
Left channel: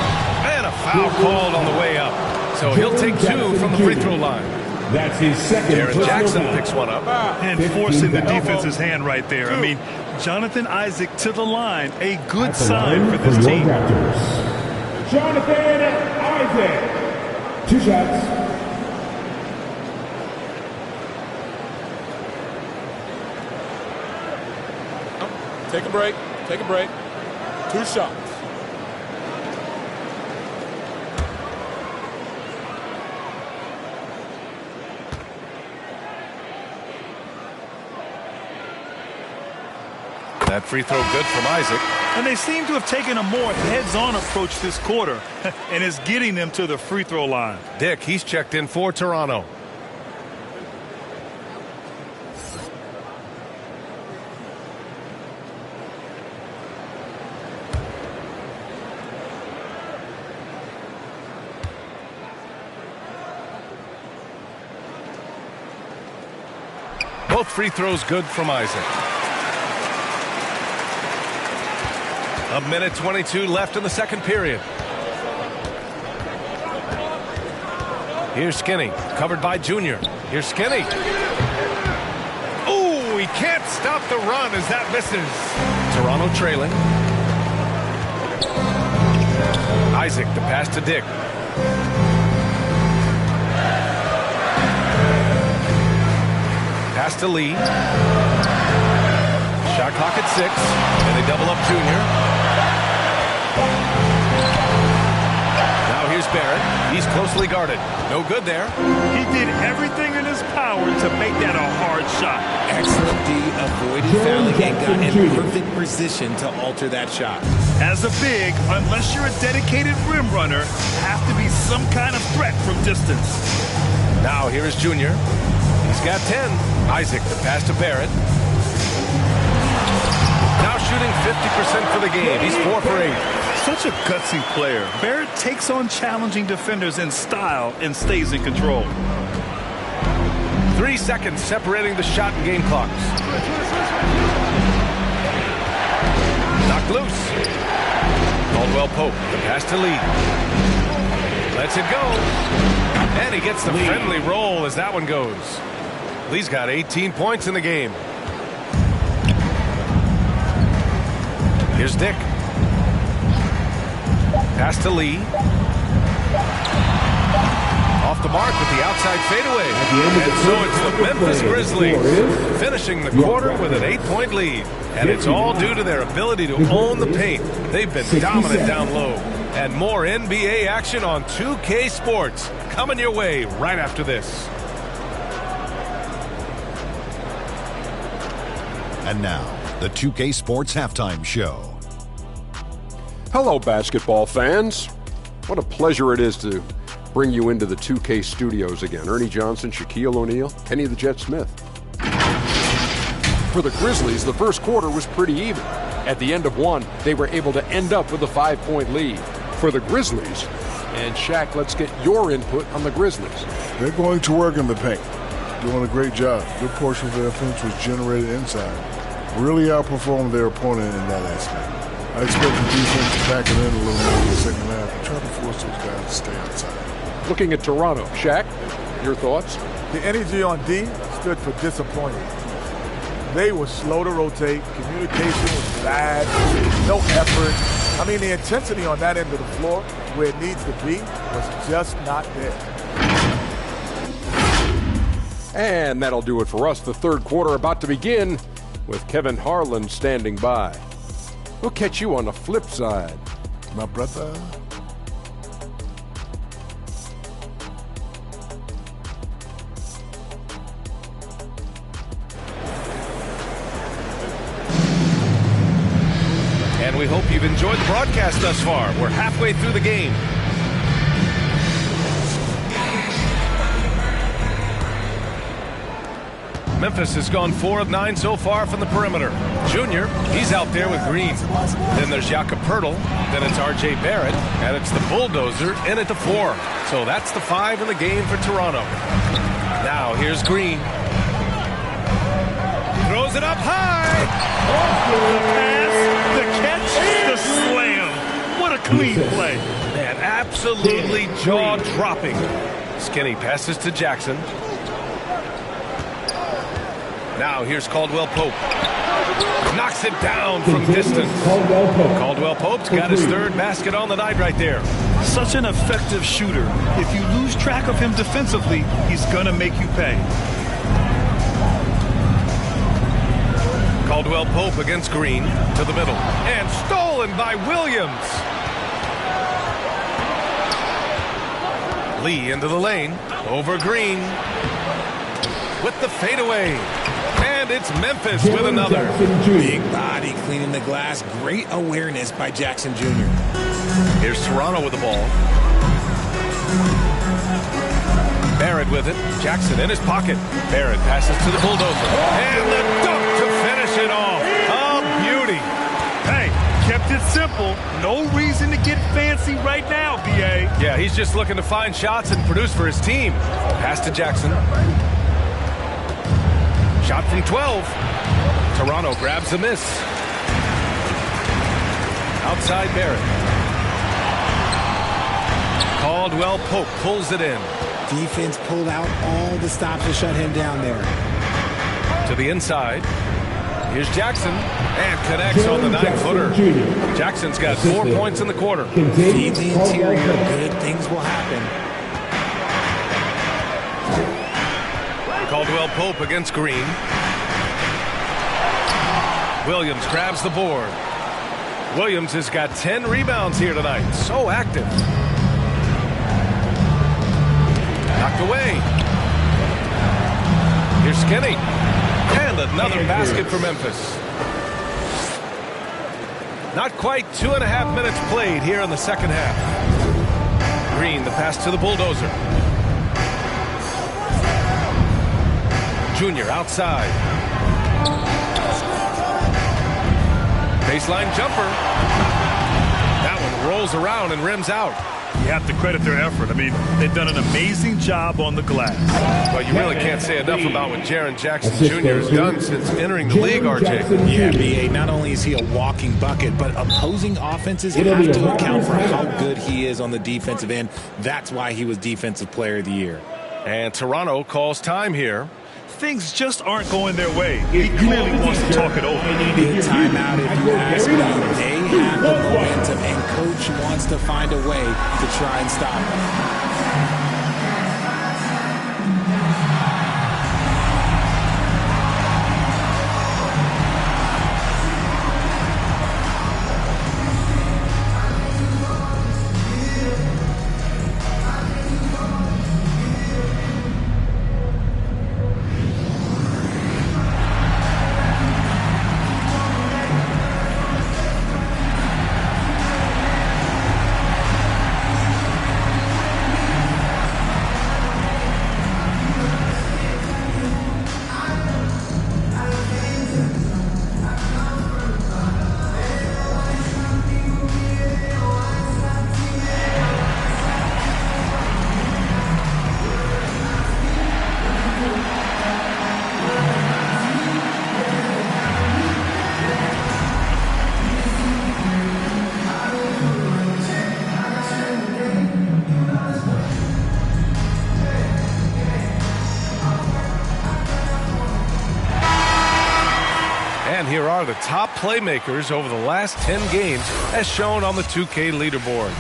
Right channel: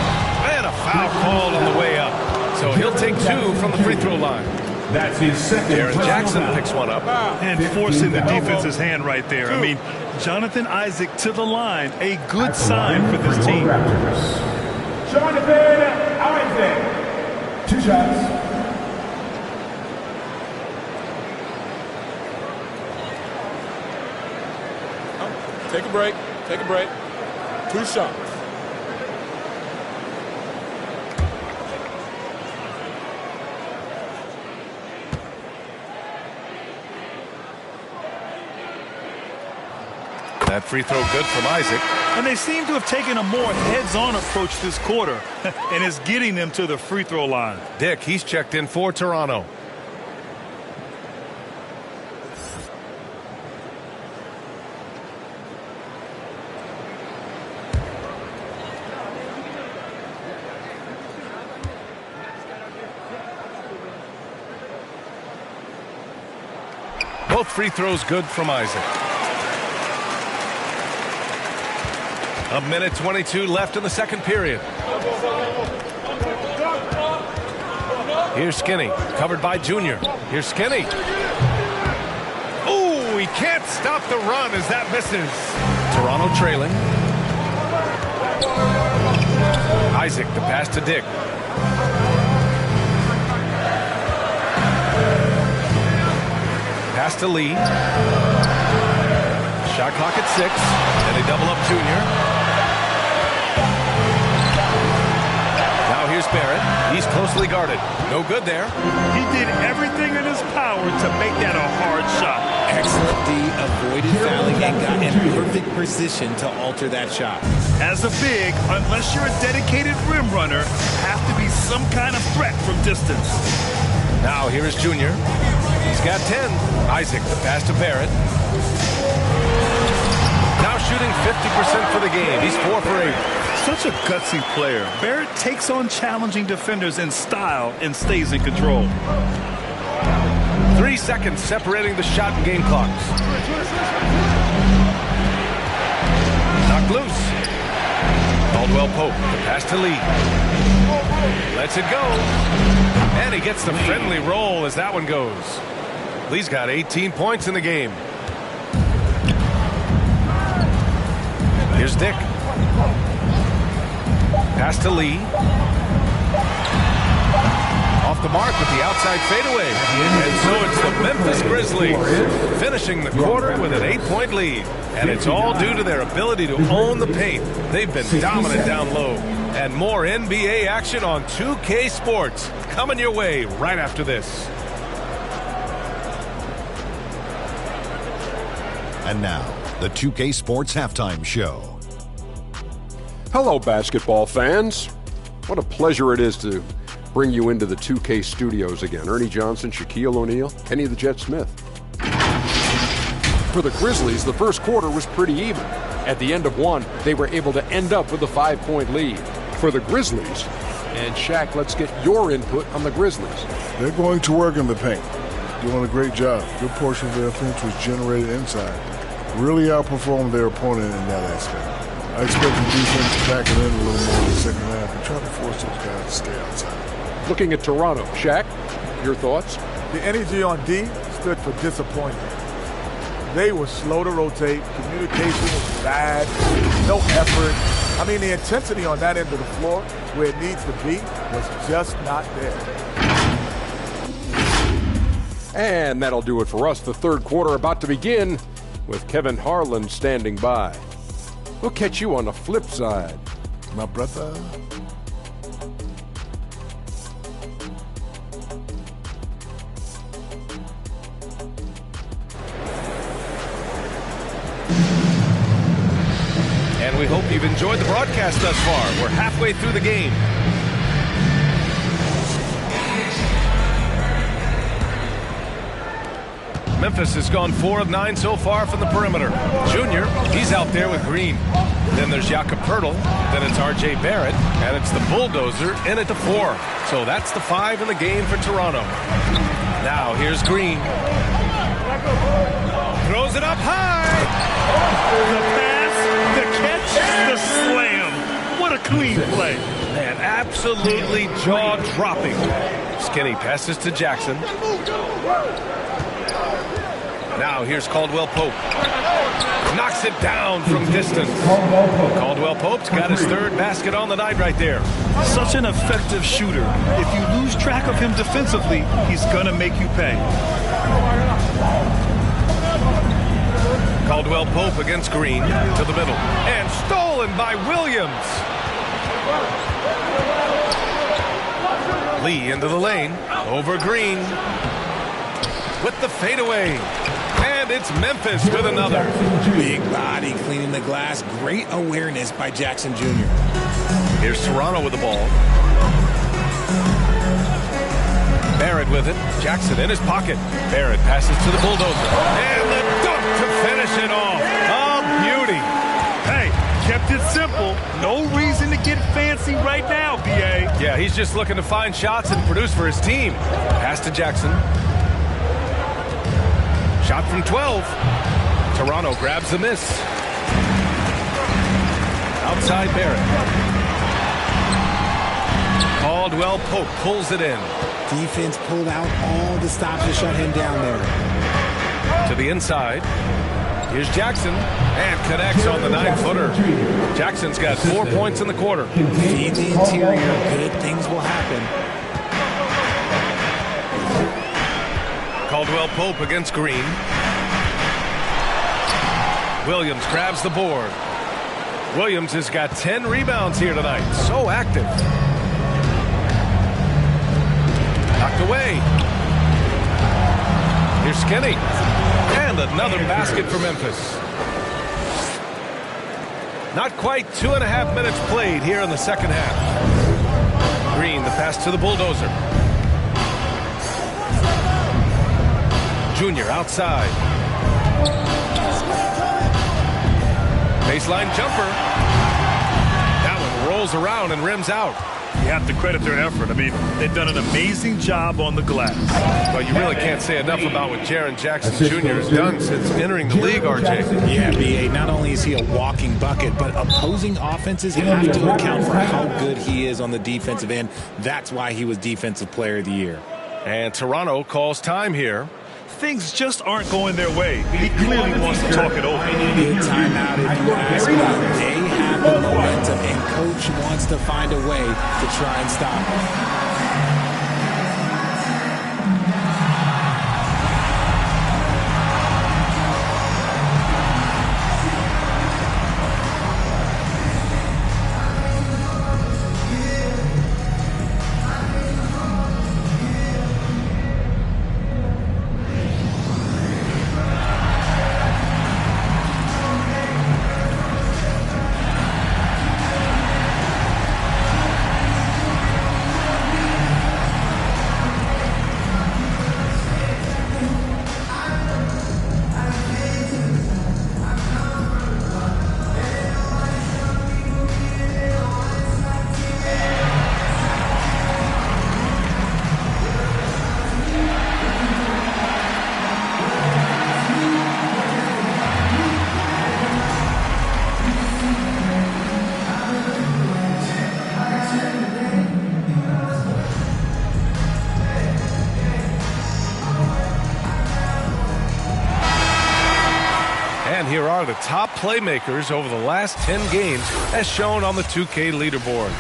And a foul called on the way up. So he'll take 2 from the free throw line. That's his second. Jaren Jackson picks one up. And forcing the defense's hand right there. I mean, Jonathan Isaac to the line. A good sign for this team. Raptors. Jonathan Isaac. 2 shots. Take a break. Take a break. 2 shots. That free throw good from Isaac. And they seem to have taken a more heads-on approach this quarter. And it's getting them to the free throw line. Dick, he's checked in for Toronto. Both free throws good from Isaac. 1:22 left in the second period. Here's Skinny, covered by Junior. Here's Skinny. Oh, he can't stop the run as that misses. Toronto trailing. Isaac, the pass to Dick. Pass to Lee. Shot clock at 6. And they double up Junior. Now here's Barrett. He's closely guarded. No good there. He did everything in his power to make that a hard shot. Excellent D, avoided fouling and got in perfect position to alter that shot. As a big, unless you're a dedicated rim runner, have to be some kind of threat from distance. Now here is Junior. He's got 10. Isaac, the pass to Barrett. Now shooting 50% for the game. He's 4 for 8. Such a gutsy player. Barrett takes on challenging defenders in style and stays in control. 3 seconds separating the shot and game clocks. Knocked loose. Caldwell Pope, the pass to Lee. Lets it go. And he gets the friendly roll as that one goes. Lee's got 18 points in the game. Here's Dick. Pass to Lee. Off the mark with the outside fadeaway. And so it's the Memphis Grizzlies finishing the quarter with an 8-point lead. And it's all due to their ability to own the paint. They've been dominant down low. And more NBA action on 2K Sports coming your way right after this. And now, the 2K Sports Halftime Show. Hello, basketball fans. What a pleasure it is to bring you into the 2K studios again. Ernie Johnson, Shaquille O'Neal, Kenny the Jet Smith. For the Grizzlies, the first quarter was pretty even. At the end of one, they were able to end up with a 5-point lead. For the Grizzlies, and Shaq, let's get your input on the Grizzlies. They're going to work in the paint. Doing a great job. Good portion of their offense was generated inside. Really outperformed their opponent in that aspect. I expect the defense to pack it in a little more in the second half and try to force those guys to stay outside. Looking at Toronto, Shaq, your thoughts? The energy on D stood for disappointing. They were slow to rotate. Communication was bad. No effort. I mean, the intensity on that end of the floor, where it needs to be, was just not there. And that'll do it for us. The third quarter about to begin with Kevin Harlan standing by. We'll catch you on the flip side. My brother. And we hope you've enjoyed the broadcast thus far. We're halfway through the game. Memphis has gone 4 of 9 so far from the perimeter. Junior, he's out there with Green. Then there's Jakob Poeltl. Then it's R.J. Barrett. And it's the Bulldozer in at the 4. So that's the 5 in the game for Toronto. Now here's Green. Throws it up high. The pass, the catch, the slam. What a clean play. Man, absolutely jaw-dropping. Skinny passes to Jackson. Now here's Caldwell Pope. Knocks it down from distance. Caldwell Pope's got his third basket on the night right there. Such an effective shooter. If you lose track of him defensively, he's going to make you pay. Caldwell Pope against Green to the middle. And stolen by Williams. Lee into the lane. Over Green. With the fadeaway. And it's Memphis with another. Big body cleaning the glass. Great awareness by Jackson Jr. Here's Toronto with the ball. Barrett with it. Jackson in his pocket. Barrett passes to the Bulldozer. And the dunk to finish it off. A beauty. Hey, kept it simple. No reason to get fancy right now, B.A. Yeah, he's just looking to find shots and produce for his team. Pass to Jackson. Shot from 12. Toronto grabs the miss. Outside Barrett. Caldwell Pope pulls it in. Defense pulled out all the stops to shut him down there. To the inside. Here's Jackson. And connects on the 9-footer. Jackson's got 4 points in the quarter. Feed the interior. Good things will happen. Caldwell Pope against Green. Williams grabs the board. Williams has got 10 rebounds here tonight. So active. Knocked away. Here's Skinny. And another basket for Memphis. Not quite 2.5 minutes played here in the second half. Green, the pass to the Bulldozer. Junior outside. Baseline jumper. That one rolls around and rims out. You have to credit their effort. I mean, they've done an amazing job on the glass. Well, you really can't say enough about what Jaren Jackson Jr. has done since entering the league, RJ. Yeah, B.A., not only is he a walking bucket, but opposing offenses have to account for how good he is on the defensive end. That's why he was Defensive Player of the Year. And Toronto calls time here. Things just aren't going their way. He clearly wants to talk it over. Good timeout, if you ask me. They have the momentum, and Coach wants to find a way to try and stop it. And here are the top playmakers over the last 10 games as shown on the 2K leaderboard.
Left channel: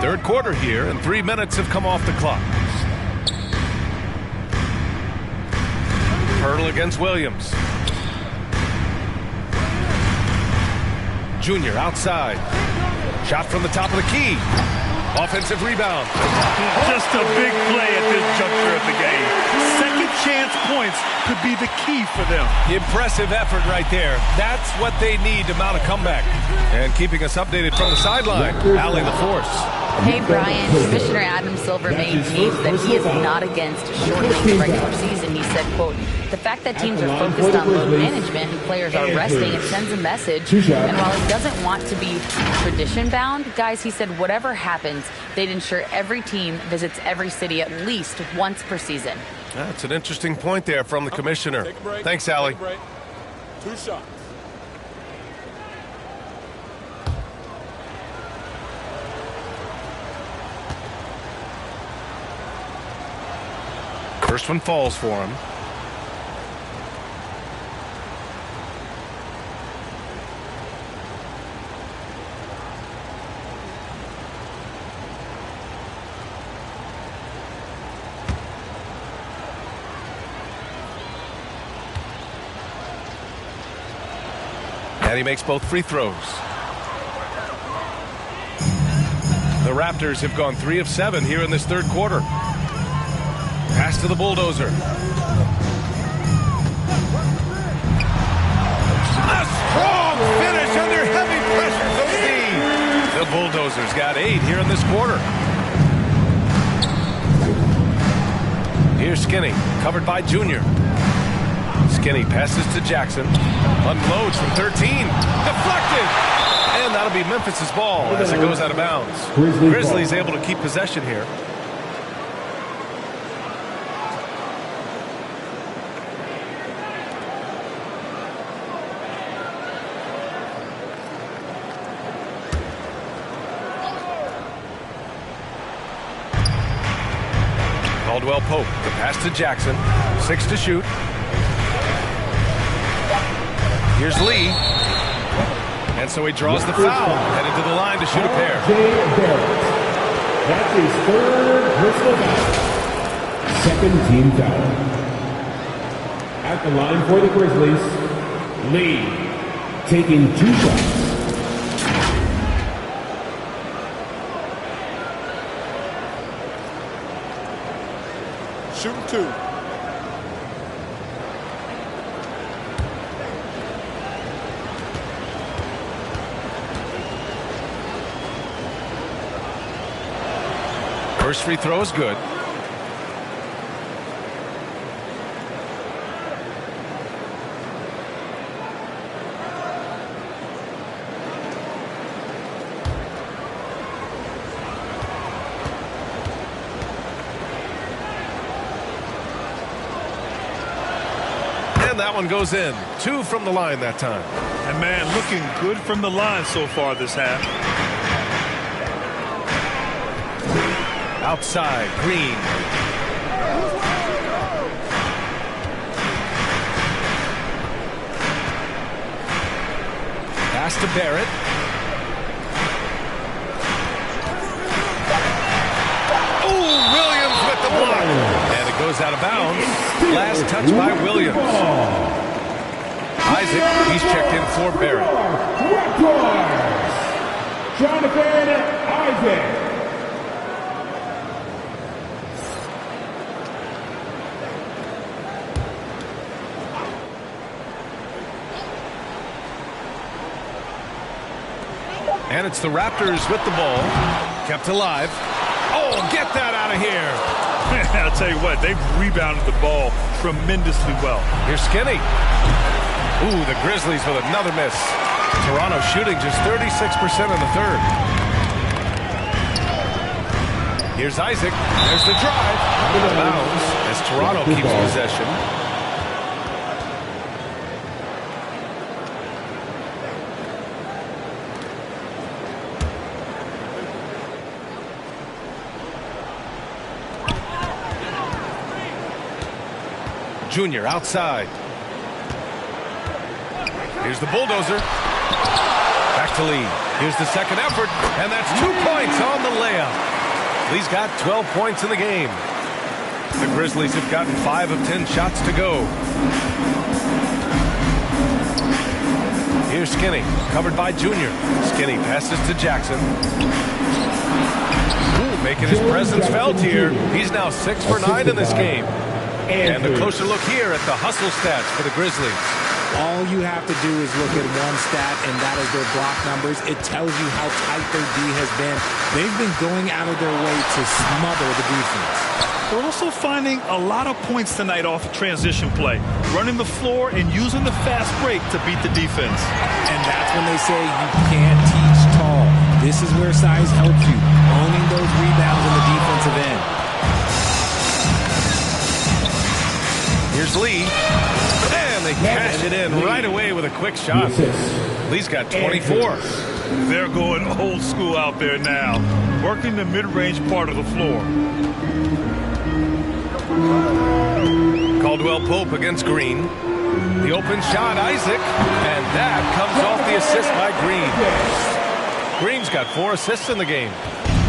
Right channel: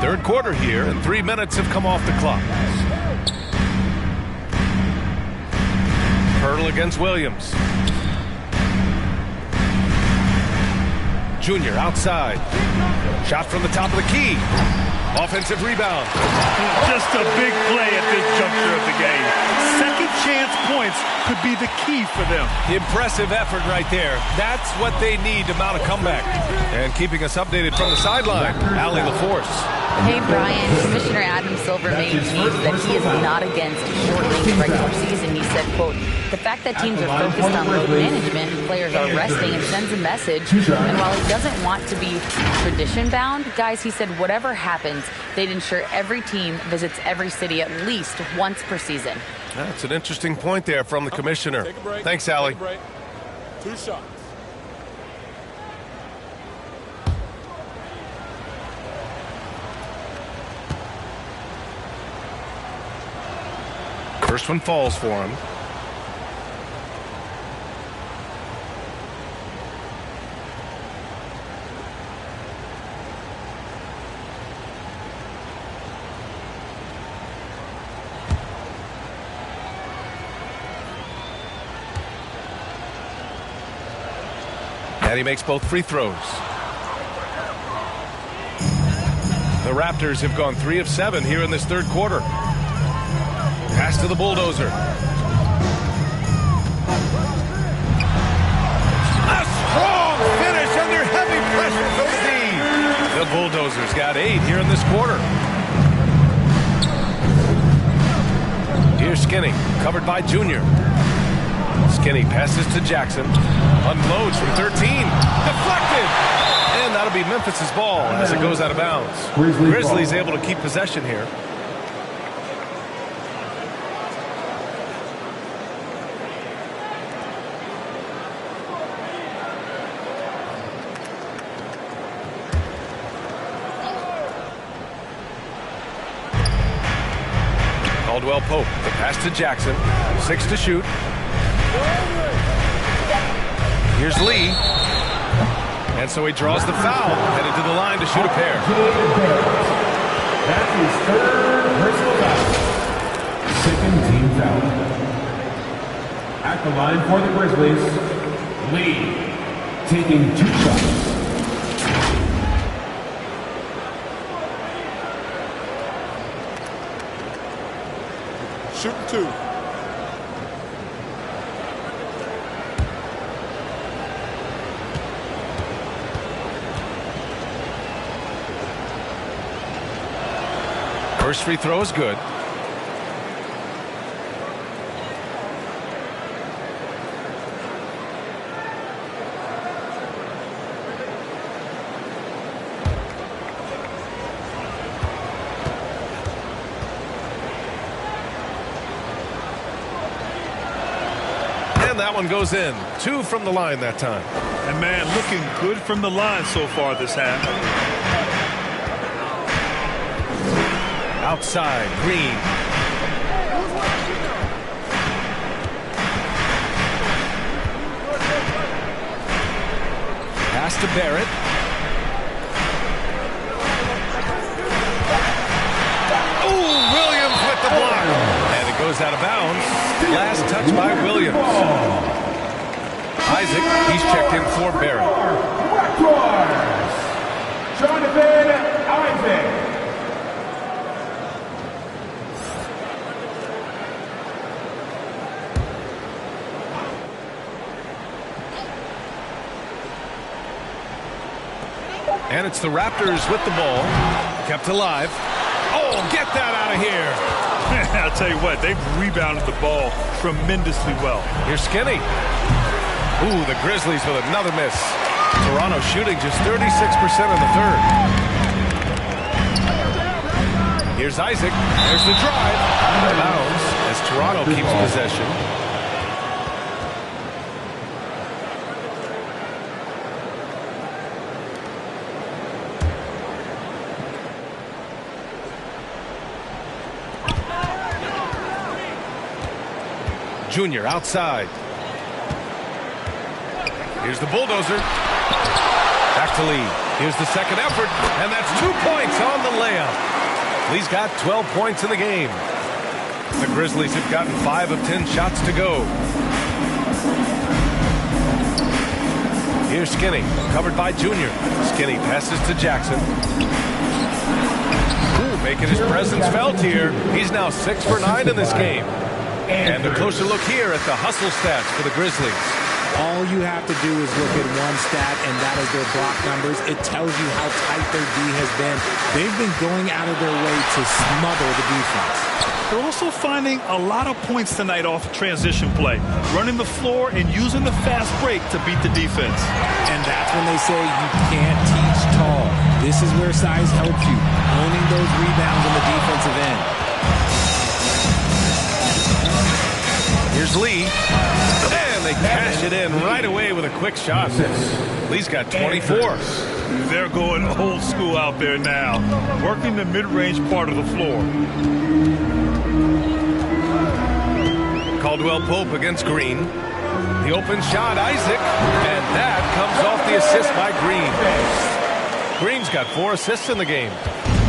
Third quarter here, and 3 minutes have come off the clock. Hurdle against Williams. Junior outside. Shot from the top of the key. Offensive rebound. Just a big play at this juncture of the game. Second chance points could be the key for them. Impressive effort right there. That's what they need to mount a comeback. And keeping us updated from the sideline, Allie LaForce. Hey, Brian. Commissioner Adam Silver maintains that he is not against shortening the regular season. He said, quote, the fact that teams are focused on load management and players are resting, it sends a message. And while he doesn't want to be tradition-bound, guys, he said whatever happens, they'd ensure every team visits every city at least once per season. That's an interesting point there from the commissioner. Take a break. Thanks, Allie. Take a break. 2 shots. First one falls for him. And he makes both free throws. The Raptors have gone 3 of 7 here in this third quarter. Pass to the bulldozer. A strong finish under heavy pressure from the D. The bulldozers got 8 here in this quarter. Here's Skinny, covered by Junior. Skinny passes to Jackson. Unloads from 13. Deflected. And that'll be Memphis's ball as it goes out of bounds. Grizzlies able to keep possession here. Caldwell Pope, the pass to Jackson. 6 to shoot. Here's Lee. And so he draws the foul, headed to the line to shoot a pair. That's his 3rd personal foul. 2nd team foul. At the line for the Grizzlies, Lee taking 2 shots. Shooting 2. First free throw is good. And that one goes in. 2 from the line that time. And, man, looking good from the line so far this half. Outside, Green. Pass to Barrett. Oh, Williams with the block. And it goes out of bounds. Last touch by Williams. Isaac, he's checked in for Barrett. Jonathan Isaac. And it's the Raptors with the ball. Kept alive. Oh, get that out of here. I'll tell you what, they've rebounded the ball tremendously well. Here's Skinny. Ooh, the Grizzlies with another miss. Toronto shooting just 36% in the third. Here's Isaac. There's the drive. Out of bounds as Toronto keeps possession. Junior outside. Here's the bulldozer. Back to Lee. Here's the second effort, and that's 2 points on the layup. Lee's got 12 points in the game. The Grizzlies have gotten 5 of 10 shots to go. Here's Skinny, covered by Junior. Skinny passes to Jackson. Ooh, making his presence felt here. He's now 6 for 9 in this game. And a closer look here at the hustle stats for the Grizzlies. All you have to do is look at one stat, and that is their block numbers. It tells you how tight their D has been. They've been going out of their way to smother the defense. They're also finding a lot of points tonight off transition play, running the floor and using the fast break to beat the defense. And that's when they say you can't teach tall. This is where size helps you, owning those rebounds on the defensive end. Here's Lee. And they cash it in right away with a quick shot. Lee's got 24. They're going old school out there now, working the mid-range part of the floor. Caldwell Pope against Green. The open shot, Isaac. And that comes off the assist by Green. Green's got 4 assists in the game.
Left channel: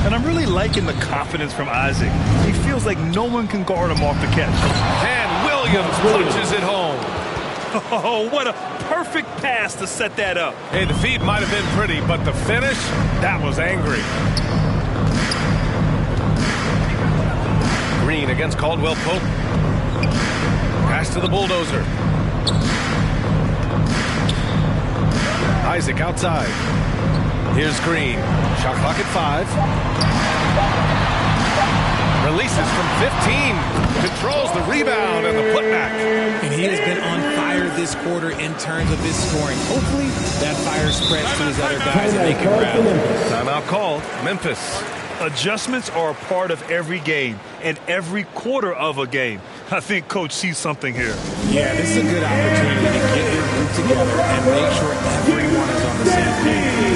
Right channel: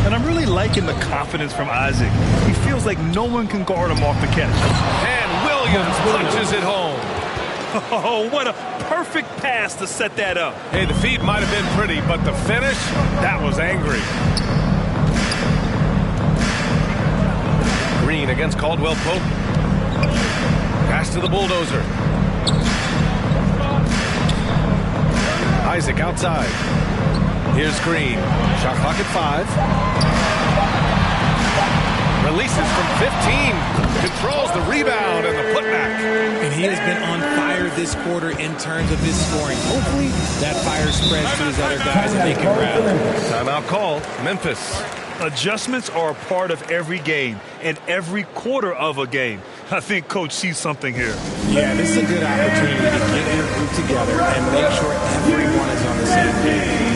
And I'm really liking the confidence from Isaac. He feels like no one can guard him off the catch. And Williams punches it home. Oh, what a perfect pass to set that up. Hey, the feed might have been pretty, but the finish, that was angry. Green against Caldwell Pope. Pass to the bulldozer. Isaac outside. Here's Green. Shot clock at 5. Releases from 15. Controls the rebound and the putback. And he has been on fire this quarter in terms of his scoring. Hopefully that fire spreads to his other guys and they can rally. Timeout called. Memphis. Adjustments are a part of every game and every quarter of a game. I think Coach sees something here. Yeah, this is a good opportunity to get your group together and make sure everyone is on the same page.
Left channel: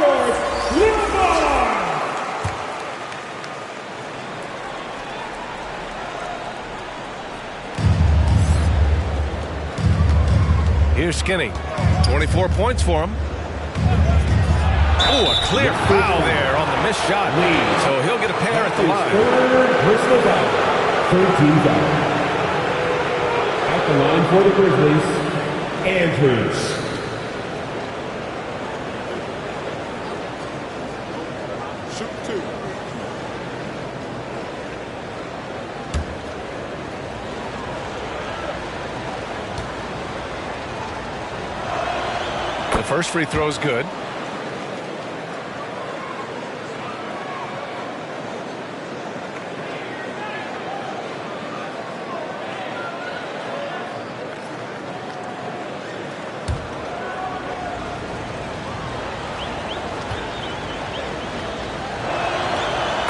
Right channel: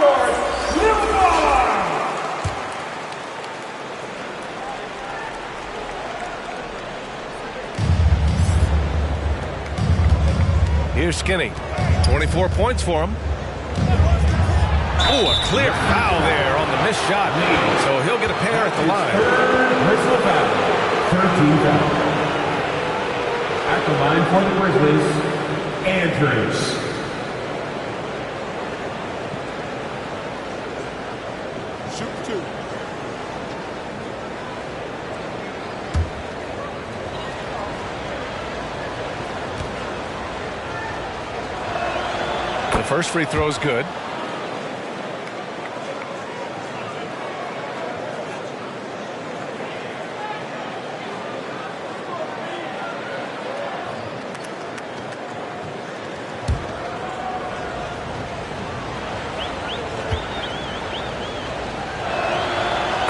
court, Limbaugh. Here's Skinny. 24 points for him. Oh, a clear foul there on the missed shot. So he'll get a pair at the line. Personal foul. 13 foul. At the line for the Grizzlies, Andrews. Shoot 2. The first free throw is good.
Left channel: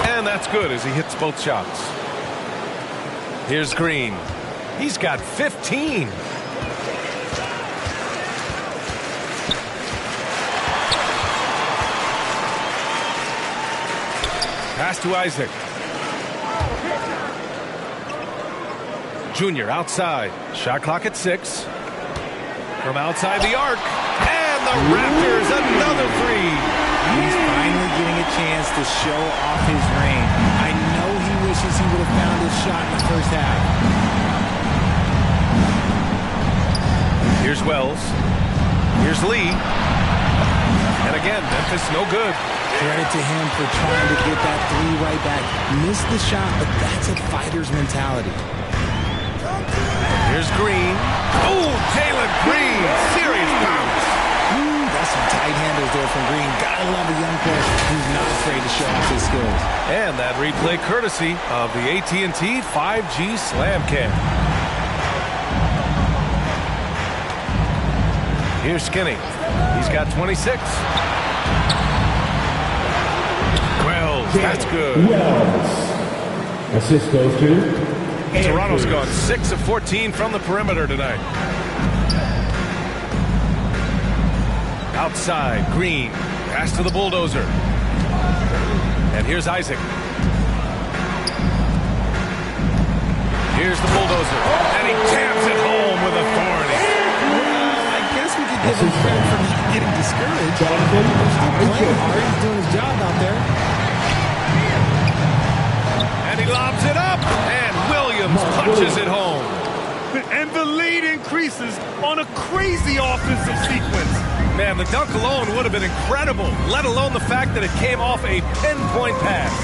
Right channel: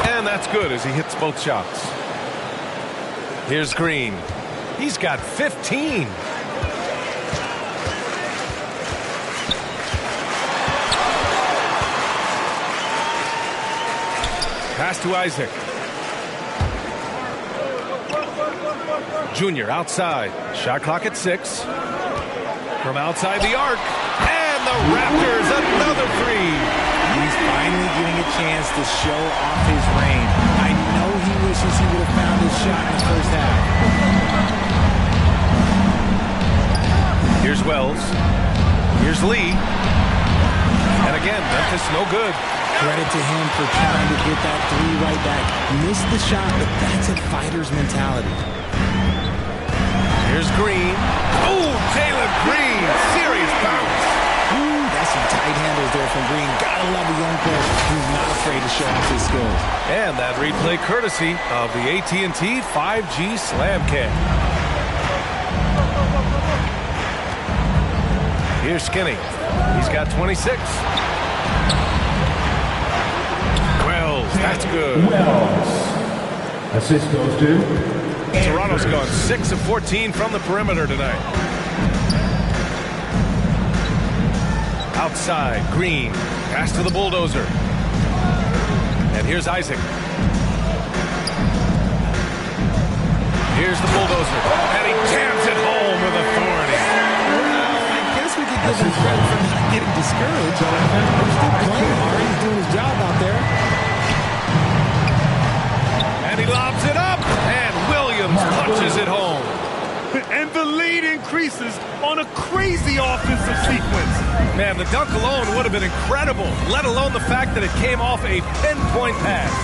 And that's good as he hits both shots. Here's Green. He's got 15. Pass to Isaac. Junior outside. Shot clock at 6. From outside the arc. And the Raptors another 3. He's finally getting a chance to show off his range. I know he wishes he would have found his shot in the first half. Here's Wells. Here's Lee. And again, Memphis no good. Credit to him for trying to get that 3 right back. Missed the shot, but that's a fighter's mentality. Here's Green. Oh, Jalen Green. Serious bounce. That's some tight handles there from Green. Gotta love a young player who's not afraid to show off his skills. And that replay courtesy of the AT&T 5G Slam Cam. Here's Skinny. He's got 26. Wells, that's good. Wells. Assist goes to Toronto's gone 6 of 14 from the perimeter tonight. Outside, Green. Pass to the bulldozer. And here's Isaac. Here's the bulldozer. And he jams it home with authority. Well, I guess we could give him credit for not getting discouraged. They're still playing hard. He's doing his job out there. And he lobs it up. And Williams punches it home. And the lead increases on a crazy offensive sequence. Man, the dunk alone would have been incredible, let alone the fact that it came off a pinpoint pass.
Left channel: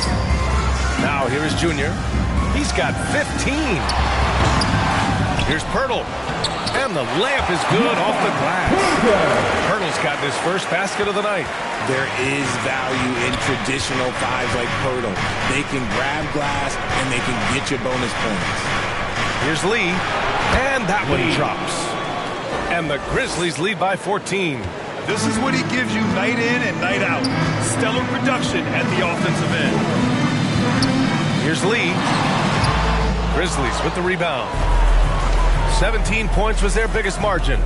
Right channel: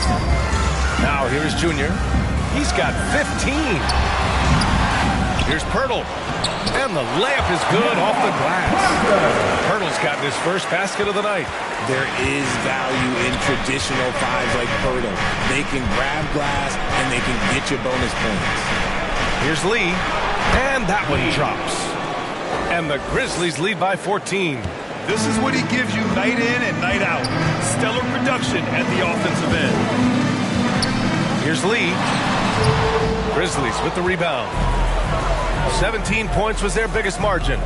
Now here is Junior. He's got 15. Here's Pirtle. And the layup is good off the glass. Pirtle's gotten his first basket of the night. There is value in traditional 5s like Pirtle. They can grab glass and they can get you bonus points. Here's Lee. And that one drops. And the Grizzlies lead by 14. This is what he gives you night in and night out. Stellar production at the offensive end. Here's Lee. Grizzlies with the rebound. 17 points was their biggest margin.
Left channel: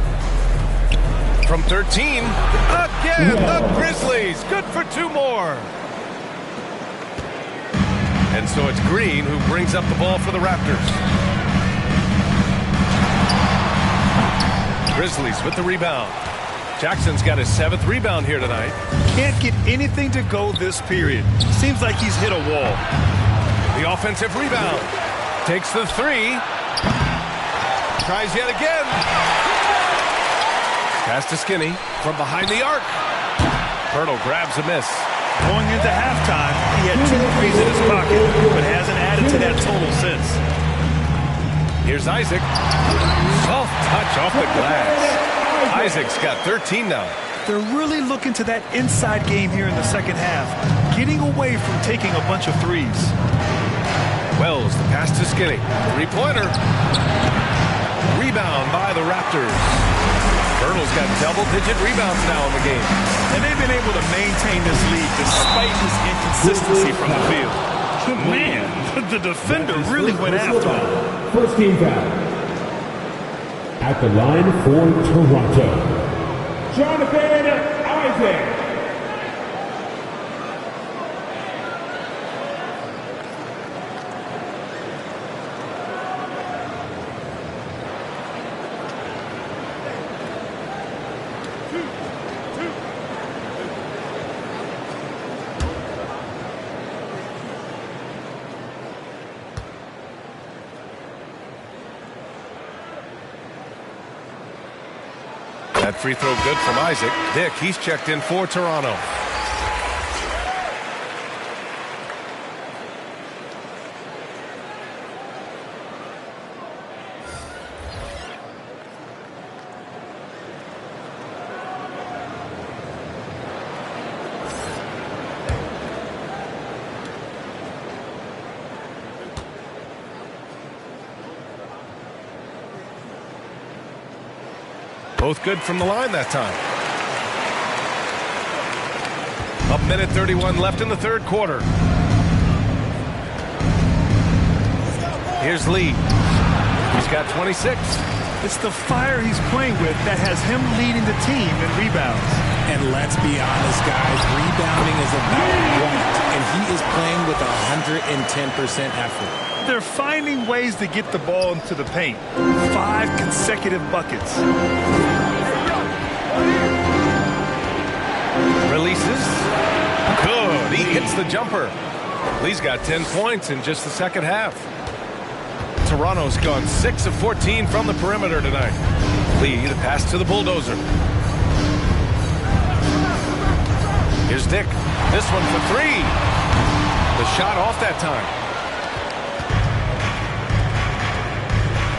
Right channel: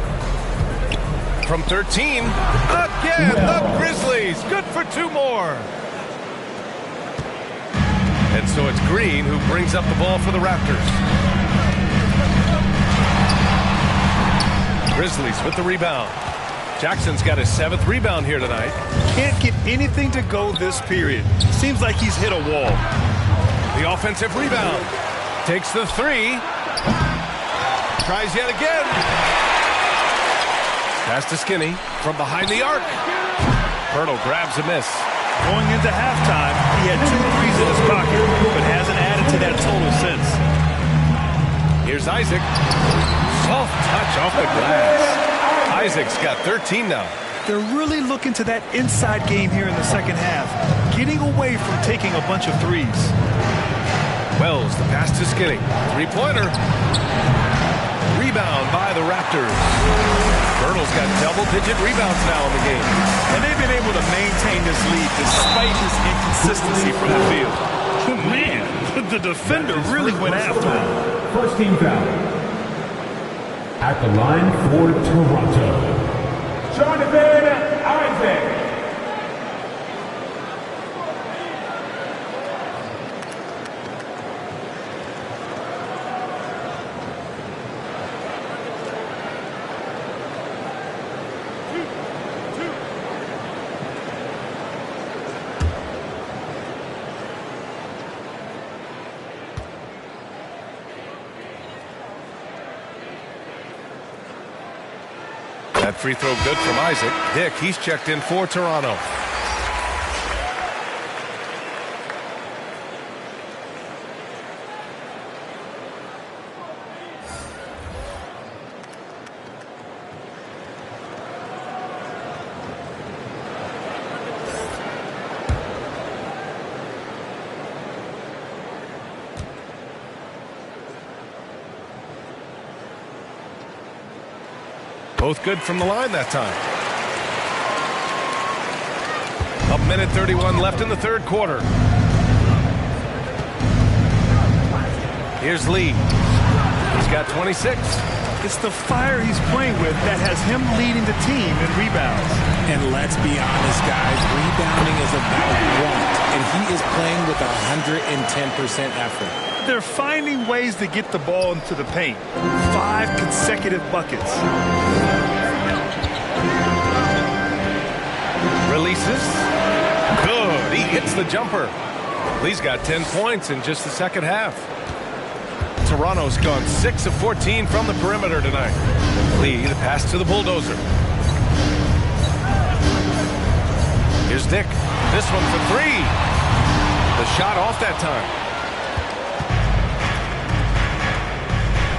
From 13, again, the Grizzlies. Good for 2 more. And so it's Green who brings up the ball for the Raptors. Grizzlies with the rebound. Jackson's got his 7th rebound here tonight. Can't get anything to go this period. Seems like he's hit a wall. The offensive rebound. Takes the 3. Tries yet again. Pass to Skinny from behind the arc. Pirtle grabs a miss. Going into halftime, he had 2 threes in his pocket, but hasn't added to that total since. Here's Isaac. Soft touch off the glass. Isaac's got 13 now. They're really looking to that inside game here in the second half, getting away from taking a bunch of threes. Wells, the pass to Skinny. 3-pointer. Rebound by the Raptors. Pirtle's got double-digit rebounds now in the game. And they've been able to maintain this lead despite his inconsistency from the field. Man, the defender really went after him. First team foul. At the line for Toronto, Jonathan Isaac. That free throw good from Isaac. Dick, he's checked in for Toronto. Both good from the line that time. 1:31 left in the third quarter. Here's Lee. He's got 26. It's the fire he's playing with that has him leading the team in rebounds. And let's be honest, guys, rebounding is about want, and he is playing with 110% effort. They're finding ways to get the ball into the paint. 5 consecutive buckets. Releases. Good. He hits the jumper. Lee's got 10 points in just the second half. Toronto's gone 6 of 14 from the perimeter tonight. Lee, the pass to the bulldozer. Here's Dick. This one for 3. The shot off that time.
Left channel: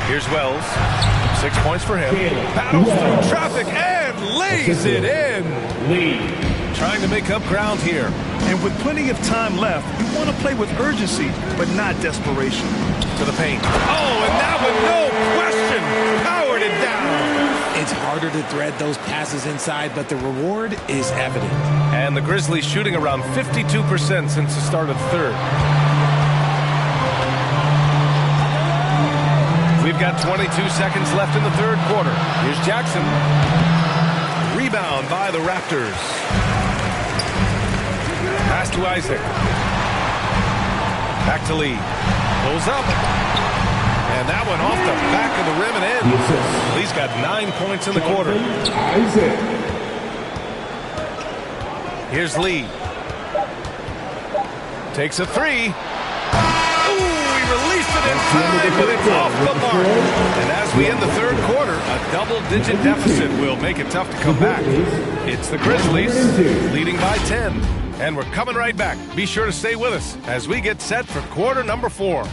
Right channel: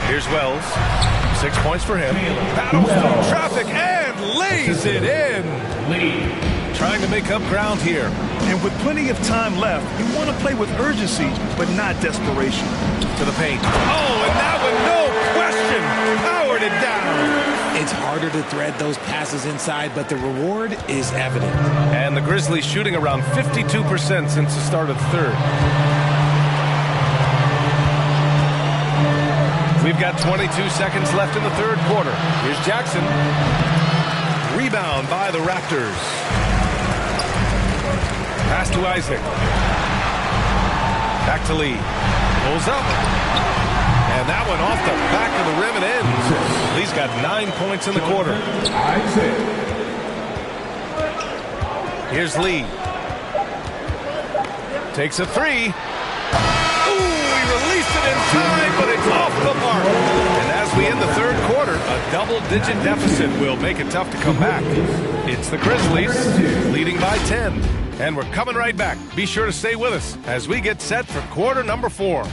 Here's Wells. 6 points for him. Battles through traffic and lays it in. Lee. Trying to make up ground here. And with plenty of time left, you want to play with urgency, but not desperation. To the paint. Oh, and that one, no question, powered it down. It's harder to thread those passes inside, but the reward is evident. And the Grizzlies shooting around 52% since the start of the third. We've got 22 seconds left in the third quarter. Here's Jackson. Rebound by the Raptors. Pass to Isaac. Back to Lee. Pulls up. And that one off the back of the rim and in. Lee's got 9 points in the quarter. Isaac. Here's Lee. Takes a 3. Released it in time, but it's off the mark. And as we end the third quarter, a double-digit deficit will make it tough to come back. It's the Grizzlies leading by 10. And we're coming right back. Be sure to stay with us as we get set for quarter number 4.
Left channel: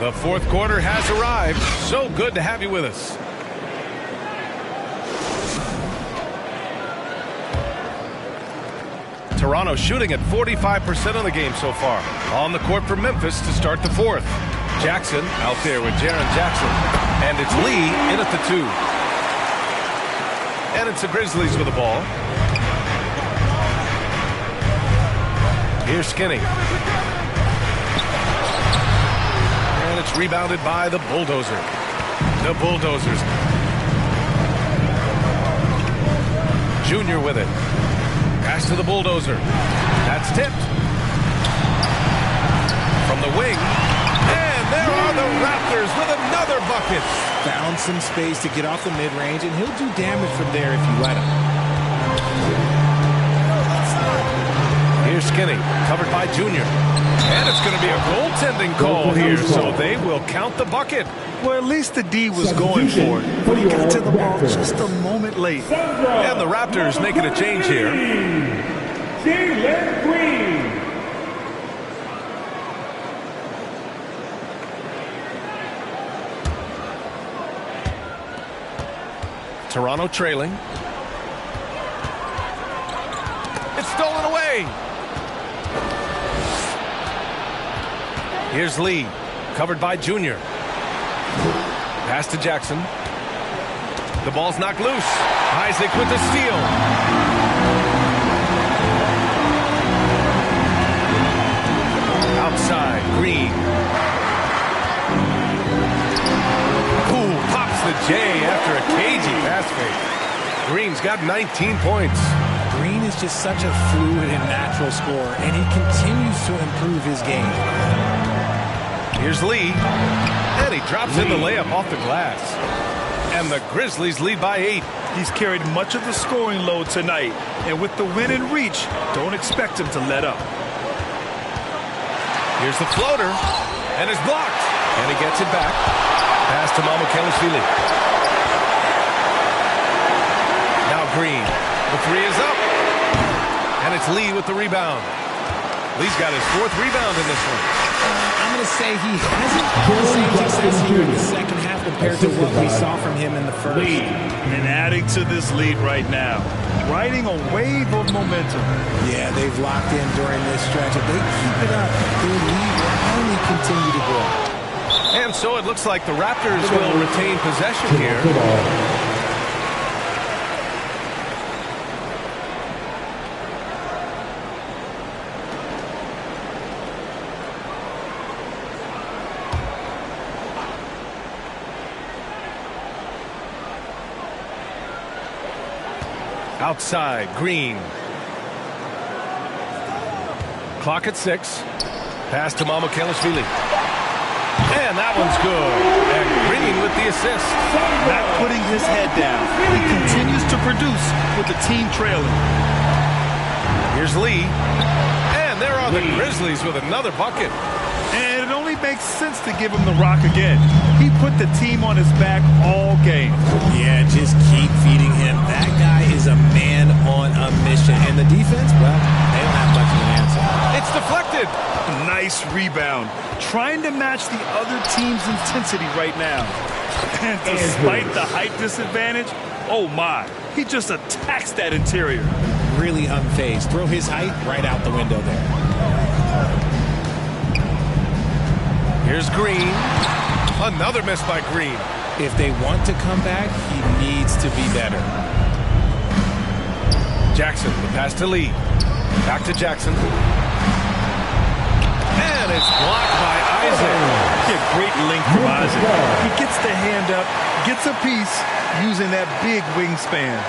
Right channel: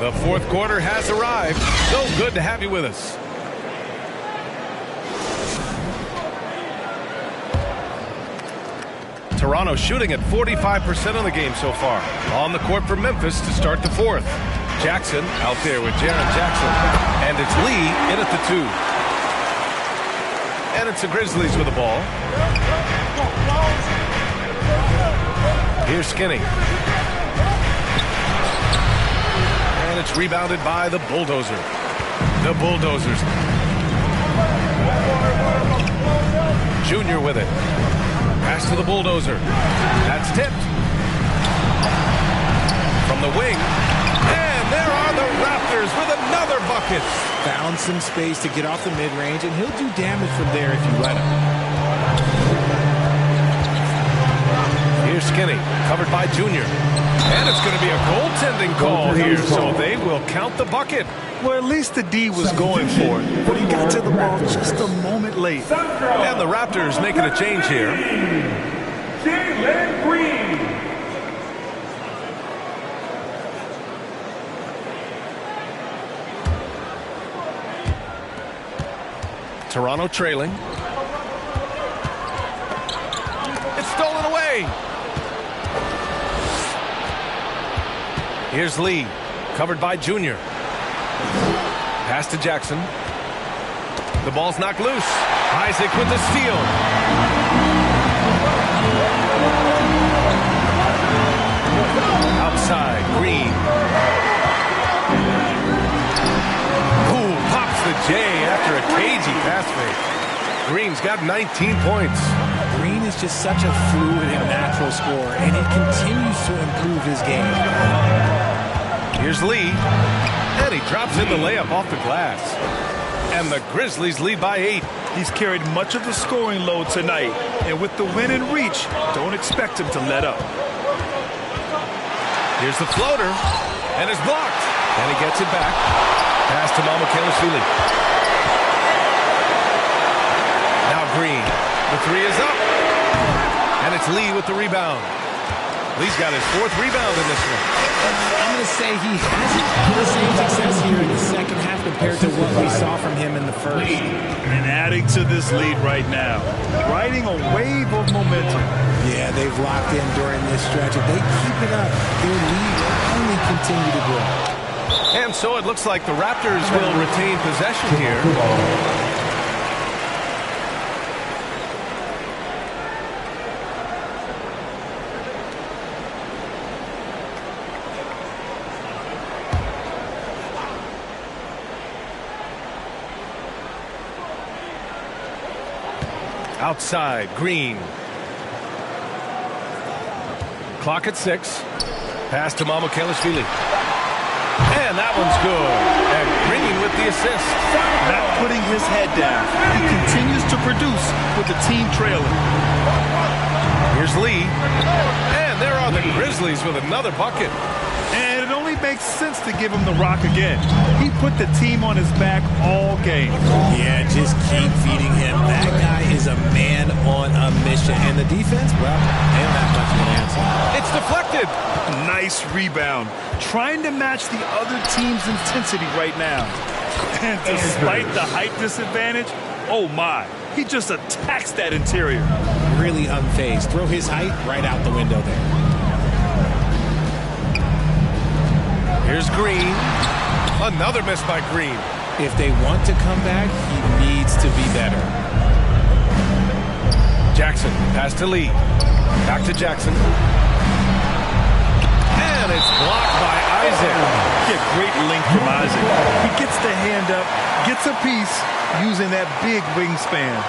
The fourth quarter has arrived. So good to have you with us. Toronto shooting at 45% of the game so far. On the court for Memphis to start the fourth. Jackson out there with Jaren Jackson. And it's Lee in at the 2. And it's the Grizzlies with the ball. Here's Skinny. And it's rebounded by the Bulldozer. The Bulldozers. Junior with it. Pass to the Bulldozer. That's tipped. From the wing. And there are the Raptors with another bucket. Found some space to get off the mid-range, and he'll do damage from there if you let him. Here's Skinny, covered by Junior. And it's going to be a goaltending call here, so they will count the bucket. Well, at least the D was going for it, but he got to the ball just a moment late. And the Raptors making a change here. Jalen Green. Toronto trailing. It's stolen away. Here's Lee, covered by Junior. Pass to Jackson. The ball's knocked loose. Isaac with the steal. Outside, Green. Ooh, pops the J after a cagey pass fake. Green's got 19 points. Green is just such a fluid and natural scorer, and he continues to improve his game. Here's Lee, and he drops in the layup off the glass. And the Grizzlies lead by 8. He's carried much of the scoring load tonight, and with the win in reach, don't expect him to let up. Here's the floater, and it's blocked. And he gets it back. Pass to Mamukelashvili. Now Green. The three is up. And it's Lee with the rebound. Lee's got his 4th rebound in this one. I'm going to say he hasn't had the same success here in the second half compared to what we saw from him in the first. And adding to this lead right now, riding a wave of momentum. Yeah, they've locked in during this stretch. If they keep it up, their lead will only continue to grow. And so it looks like the Raptors will retain possession here. Outside, Green. Clock at 6. Pass to Mamukelashvili. And that one's good. And Green with the assist. Not putting his head down. He continues to produce with the team trailing. Here's Lee. And there are the Grizzlies with another bucket. And it only makes sense to give him the rock again. He put the team on his back all game. Yeah, just keep feeding him. That guy is a man on a mission. And the defense, well, they don't have much of an answer. It's deflected. Nice rebound. Trying to match the other team's intensity right now. And despite the height disadvantage, oh my, he just attacks that interior. Really unfazed. Throw his height right out the window there. Here's Green. Another miss by Green. If they want to come back, he needs to be better. Jackson, the pass to Lee. Back to Jackson. And it's blocked by Isaac. Yeah, great length from Isaac. He gets the hand up, gets a piece using that big wingspan.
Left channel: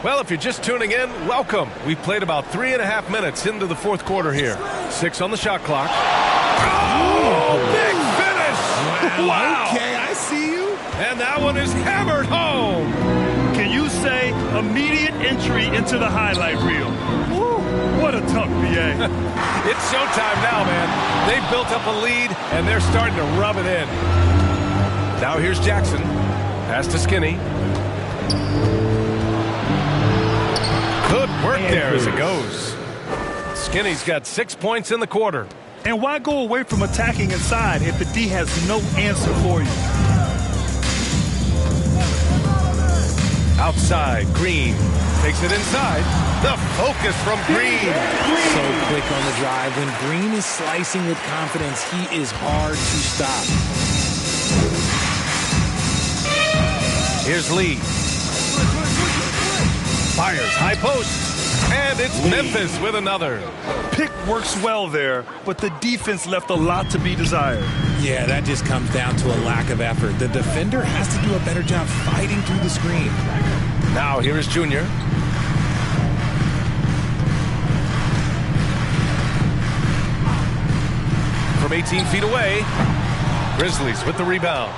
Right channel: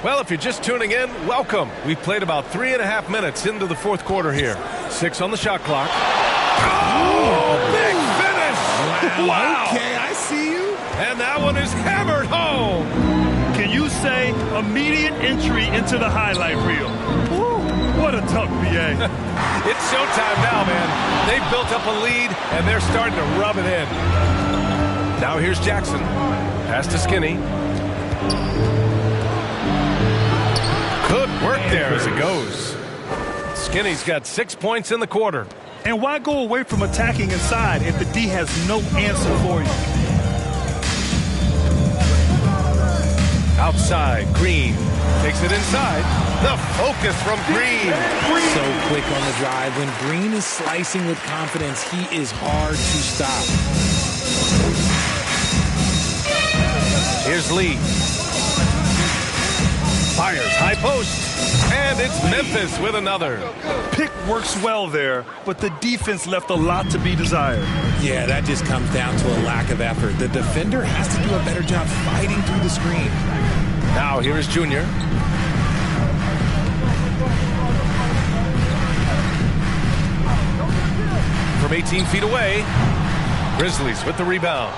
Well, if you're just tuning in, welcome. We've played about 3.5 minutes into the 4th quarter here. 6 on the shot clock. Oh, big finish! Wow. Okay, I see you. And that one is hammered home. Can you say immediate entry into the highlight reel? Woo, what a dunk, BA. It's showtime now, man. They've built up a lead, and they're starting to rub it in. Now here's Jackson. Pass to Skinny. Good work there as it goes. Skinny's got 6 points in the quarter. And why go away from attacking inside if the D has no answer for you? Outside, Green takes it inside. The focus from Green. So quick on the drive. When Green is slicing with confidence, he is hard to stop. Here's Lee. Fires high post. And it's Memphis with another. Pick works well there, but the defense left a lot to be desired. Yeah, that just comes down to a lack of effort. The defender has to do a better job fighting through the screen. Now here is Junior. From 18 feet away, Grizzlies with the rebound.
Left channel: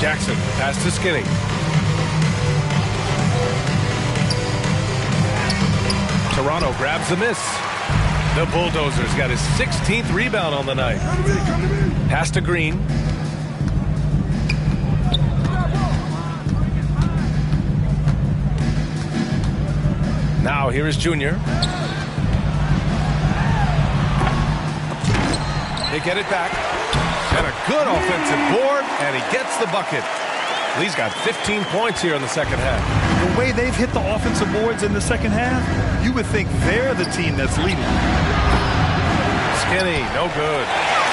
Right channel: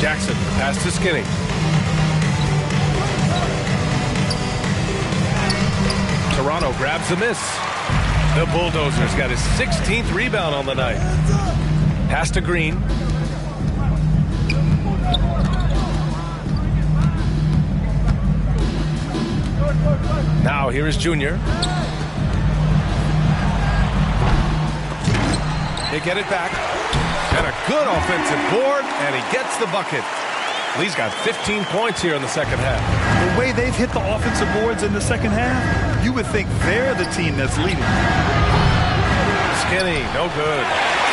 Jackson, the pass to Skinny. Toronto grabs the miss. The Bulldozers got his 16th rebound on the night. Pass to Green. Now here is Junior. They get it back. And a good offensive board, and he gets the bucket. Lee's got 15 points here in the second half. The way they've hit the offensive boards in the second half, you would think they're the team that's leading. Skinny, no good.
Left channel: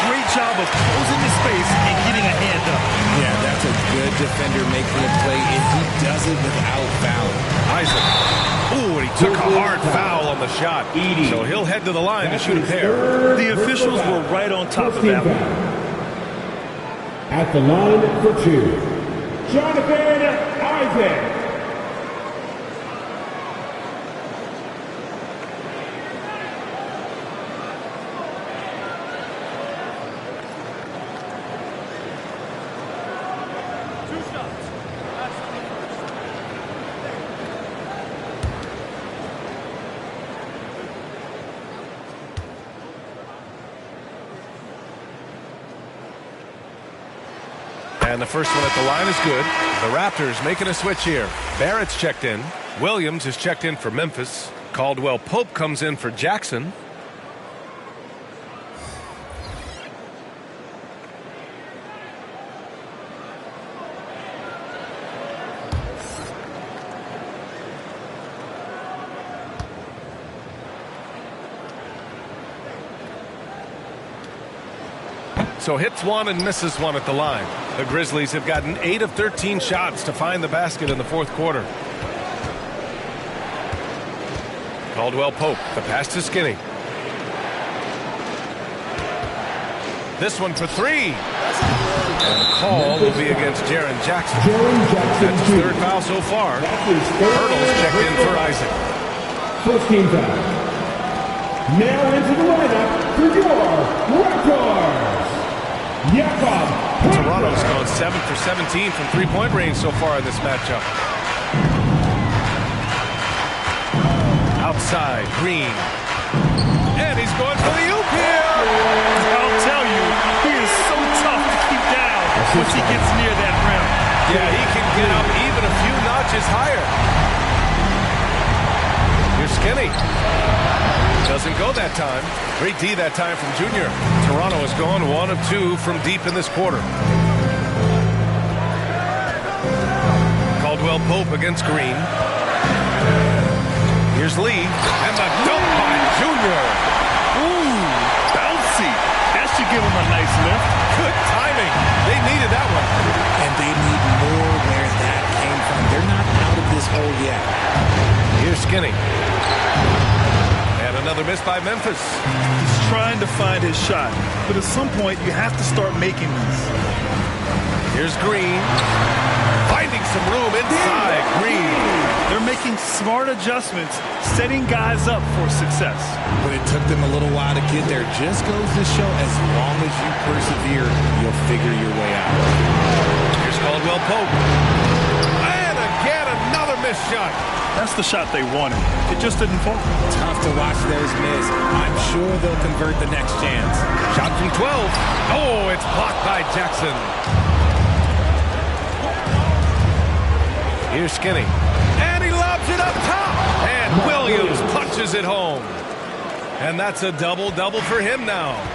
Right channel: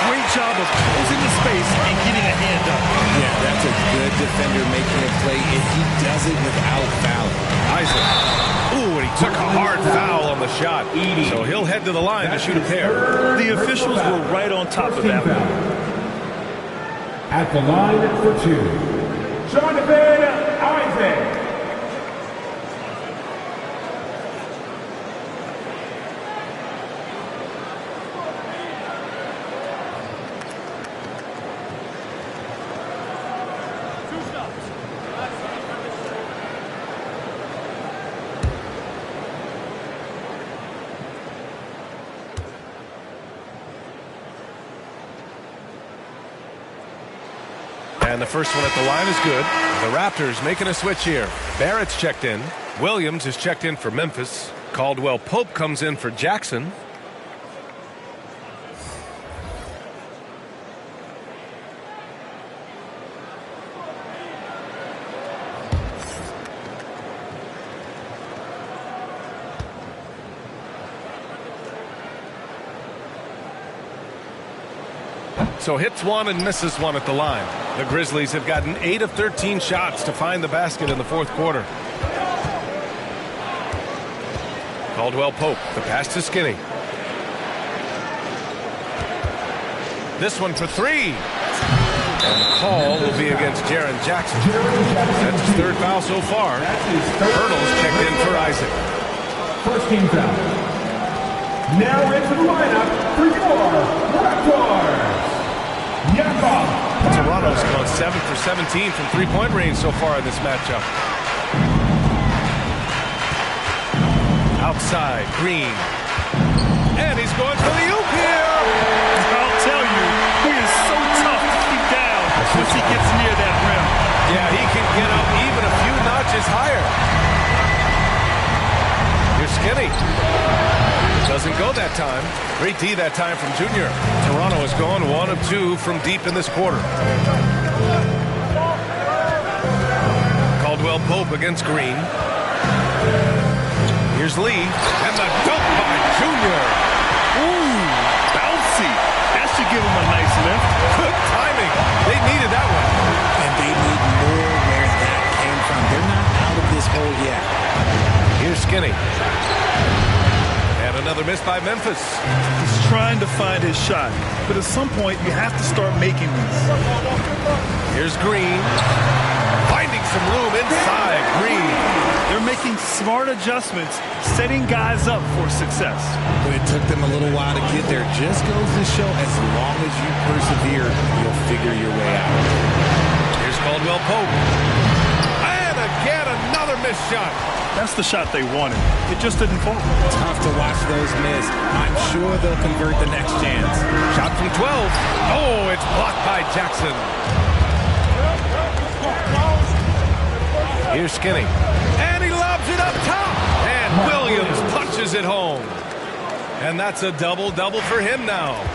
Great job of closing the space and getting a hand up. Yeah, that's a good defender making a play, and he does it without fouling. Isaac. Ooh, and he took a hard foul on the shot. So he'll head to the line to shoot a pair. The officials were right on top of that one. At the line for 2, Jonathan Isaac. And the first one at the line is good. The Raptors making a switch here. Barrett's checked in. Williams is checked in for Memphis. Caldwell Pope comes in for Jackson. So hits one and misses one at the line. The Grizzlies have gotten 8 of 13 shots to find the basket in the fourth quarter. Caldwell Pope, the pass to Skinny. This one for 3. And the call will be against Jaren Jackson. That's his third foul so far. Hurdle's checked in for Isaac. First team foul. Now into the lineup for your Raptors. Toronto's gone 7 for 17 from three-point range so far in this matchup. Outside, Green. And he's going for the oop here. I'll tell you, he is so tough to keep down once he gets near that rim. Yeah, he can get up even a few notches higher. Here's Skinny. Doesn't go that time. Great D that time from Junior. Toronto has gone 1 of 2 from deep in this quarter. Caldwell Pope against Green. Here's Lee. And the dunk by Junior. Ooh, bouncy. That should give him a nice lift. Good timing. They needed that one. And they need more where that came from. They're not out of this hole yet. Here's Skinny. And another miss by Memphis. He's trying to find his shot, but at some point you have to start making these. Here's Green. Finding some room inside. Green. They're making smart adjustments, setting guys up for success. But it took them a little while to get there. Just goes to show as long as you persevere, you'll figure your way out. Here's Caldwell Pope. And again, another missed shot. That's the shot they wanted. It just didn't fall. Tough to watch those miss. I'm sure they'll convert the next chance. Shot from 12. Oh, it's blocked by Jackson. Here's Skinny. And he lobs it up top. And Williams punches it home. And that's a double-double for him now.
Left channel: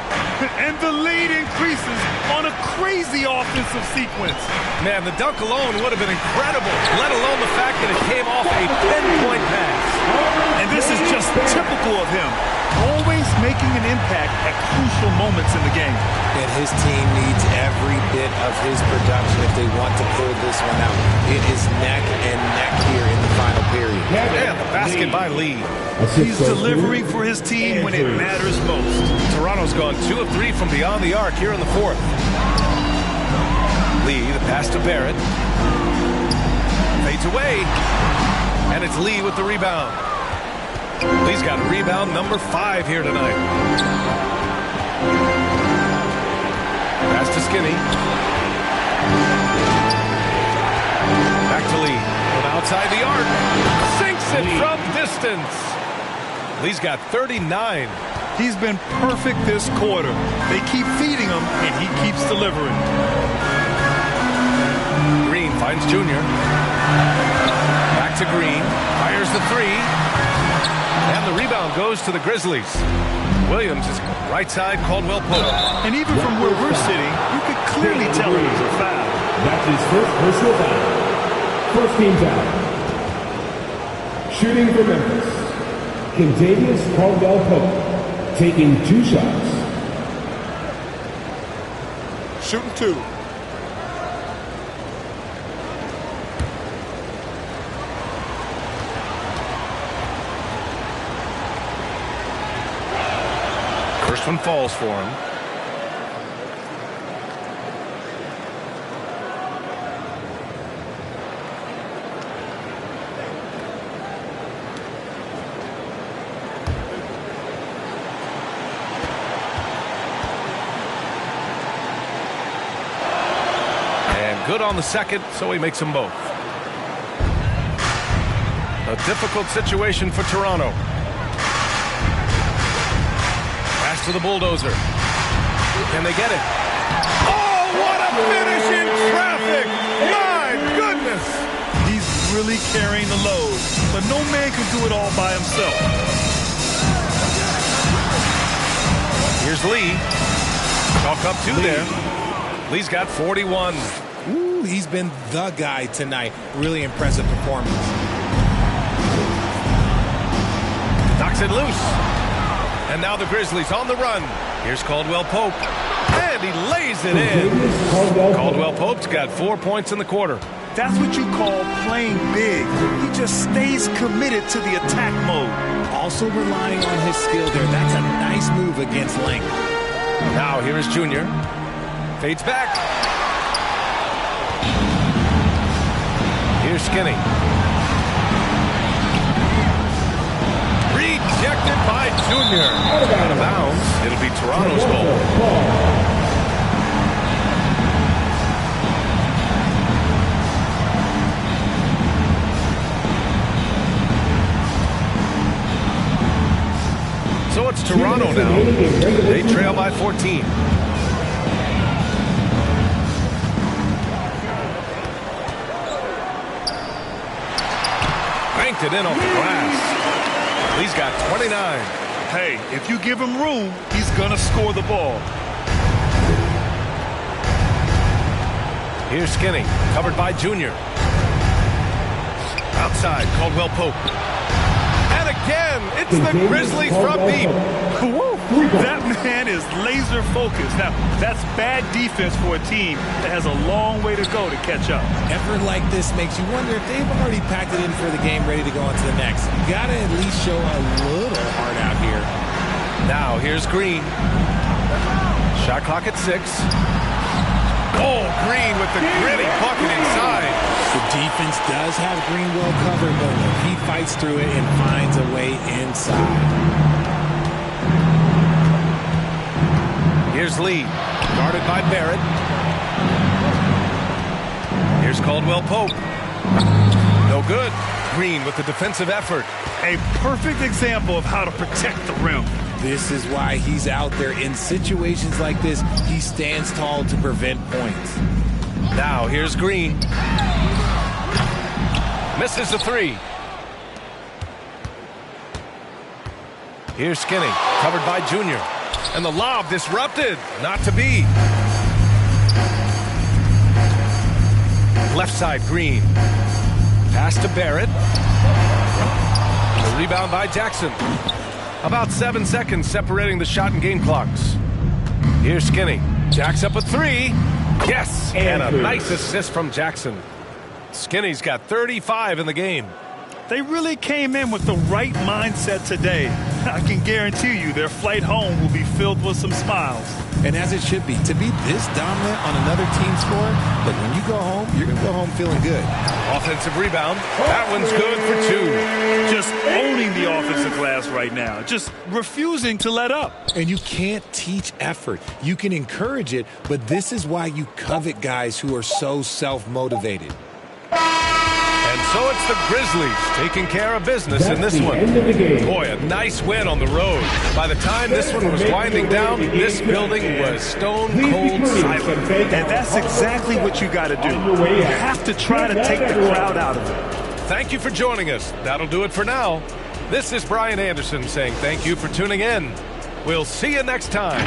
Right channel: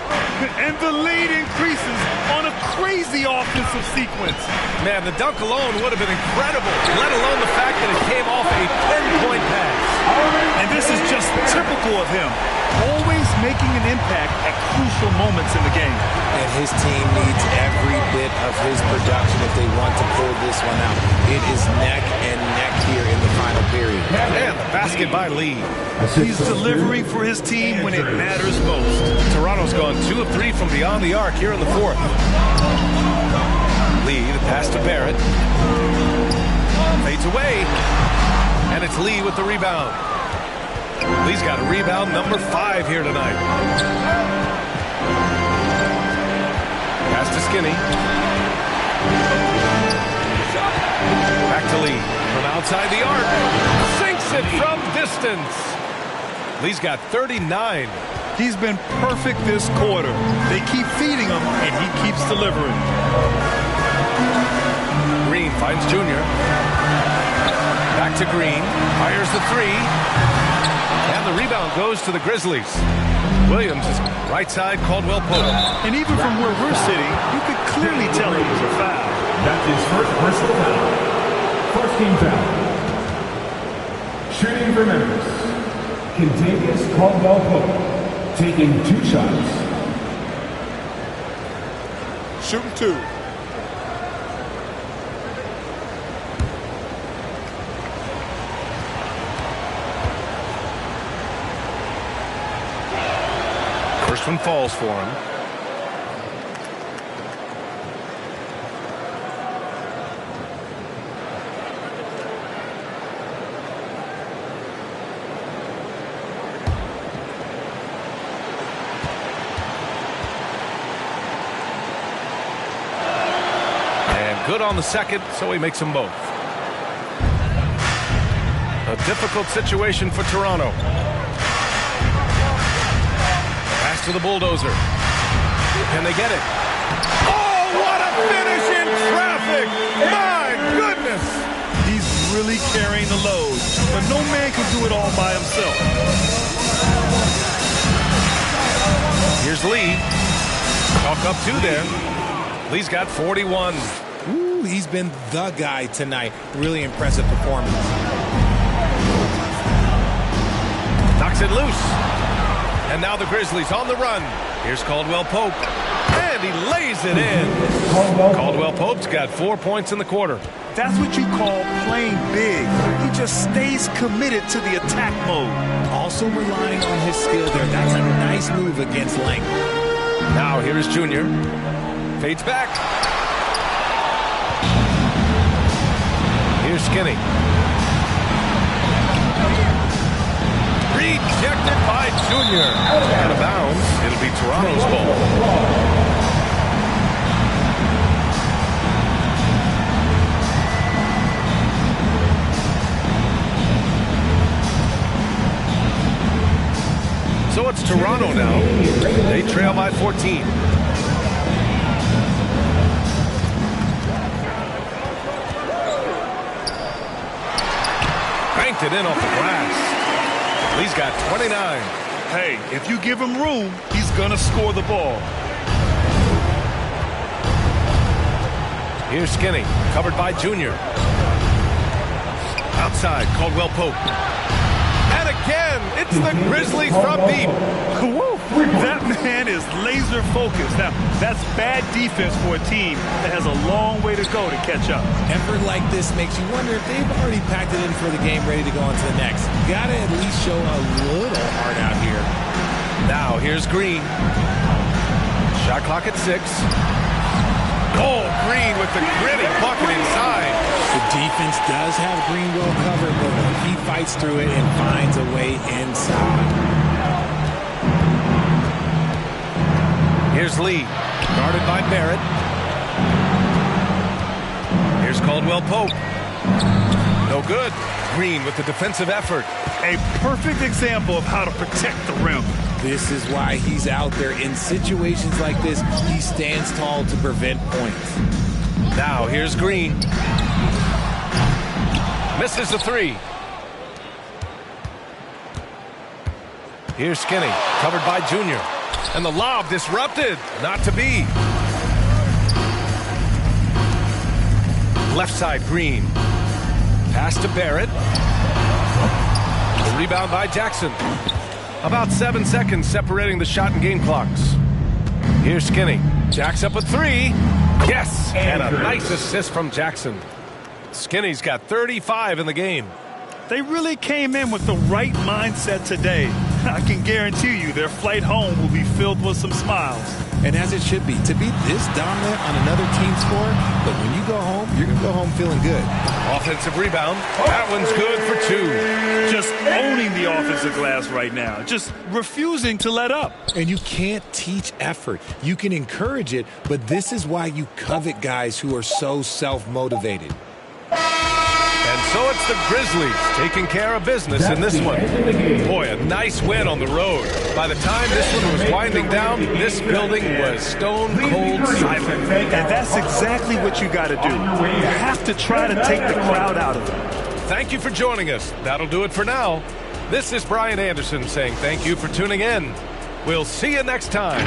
And the lead increases on a crazy offensive sequence. Man, the dunk alone would have been incredible, let alone the fact that it came off a 10-point pass. And this is just typical of him. Always making an impact at crucial moments in the game. And his team needs every bit of his production if they want to pull this one out. It is neck and neck here in the final period. And the basket by Lee. He's delivering for his team when it matters most. Toronto's gone 2 of 3 from beyond the arc here in the fourth. Lee, the pass to Barrett. Fades away. And it's Lee with the rebound. Lee's got rebound number 5 here tonight. Pass to Skinny. Back to Lee. From outside the arc. Sinks it from distance. Lee's got 39. He's been perfect this quarter. They keep feeding him, and he keeps delivering. Green finds Junior. Back to Green. Fires the 3. And the rebound goes to the Grizzlies. Williams is right side, Caldwell Pope. And even from where we're sitting, you could clearly tell it was a foul. That's his first personal foul. First team foul. Shooting for Memphis, Kentavious Caldwell-Pope, taking 2 shots. Shooting 2. First one falls for him. And good on the second, so he makes them both. A difficult situation for Toronto. Pass to the bulldozer. Can they get it? Oh, what a finish in traffic! My goodness! He's really carrying the load, but no man can do it all by himself. Here's Lee. Chalk up 2 there. Lee's got 41. Ooh, he's been the guy tonight. Really impressive performance. Knocks it loose. And now the Grizzlies on the run. Here's Caldwell-Pope. And he lays it in. Caldwell-Pope's got 4 points in the quarter. That's what you call playing big. He just stays committed to the attack mode. Also relying on his skill there. That's a nice move against length. Now here is Junior. Fades back. Here's Skinny. Rejected by Junior. Out of bounds. It'll be Toronto's ball. So it's Toronto now. They trail by 14. Banked it in off the glass. Lee's got 29. Hey, if you give him room, he's gonna score the ball. Here's Skinny, covered by Junior. Outside, Caldwell-Pope. And again, it's the Grizzlies from deep. Woo, that man is laser focused. Now, that's bad defense for a team that has a long way to go to catch up. Effort like this makes you wonder if they've already packed it in for the game, ready to go on to the next. Gotta at least show a little heart out here. Now, here's Green. Shot clock at 6. Oh, Green with the gritty bucket inside. The defense does have Green well covered, but look, he fights through it and finds a way inside. Here's Lee, guarded by Barrett. Here's Caldwell-Pope. No good. Green with the defensive effort. A perfect example of how to protect the rim. This is why he's out there. In situations like this, he stands tall to prevent points. Now here's Green. Misses the 3. Here's Skinny, covered by Junior. And the lob disrupted. Not to be. Left side, Green. Pass to Barrett. The rebound by Jackson. About 7 seconds separating the shot and game clocks. Here's Skinny. Jacks up a 3. Yes! And a nice assist from Jackson. Skinny's got 35 in the game. They really came in with the right mindset today. I can guarantee you their flight home will be filled with some smiles. And as it should be, to be this dominant on another team score, look, when you go home, you're going to go home feeling good. Offensive rebound. That one's good for 2. Just owning the offensive glass right now. Just refusing to let up. And you can't teach effort. You can encourage it, but this is why you covet guys who are so self-motivated. And so it's the Grizzlies taking care of business in this one. Boy, a nice win on the road. By the time this one was winding down, this building was stone cold silent. And that's exactly what you got to do. You have to try to take the crowd out of it. Thank you for joining us. That'll do it for now. This is Brian Anderson saying thank you for tuning in. We'll see you next time.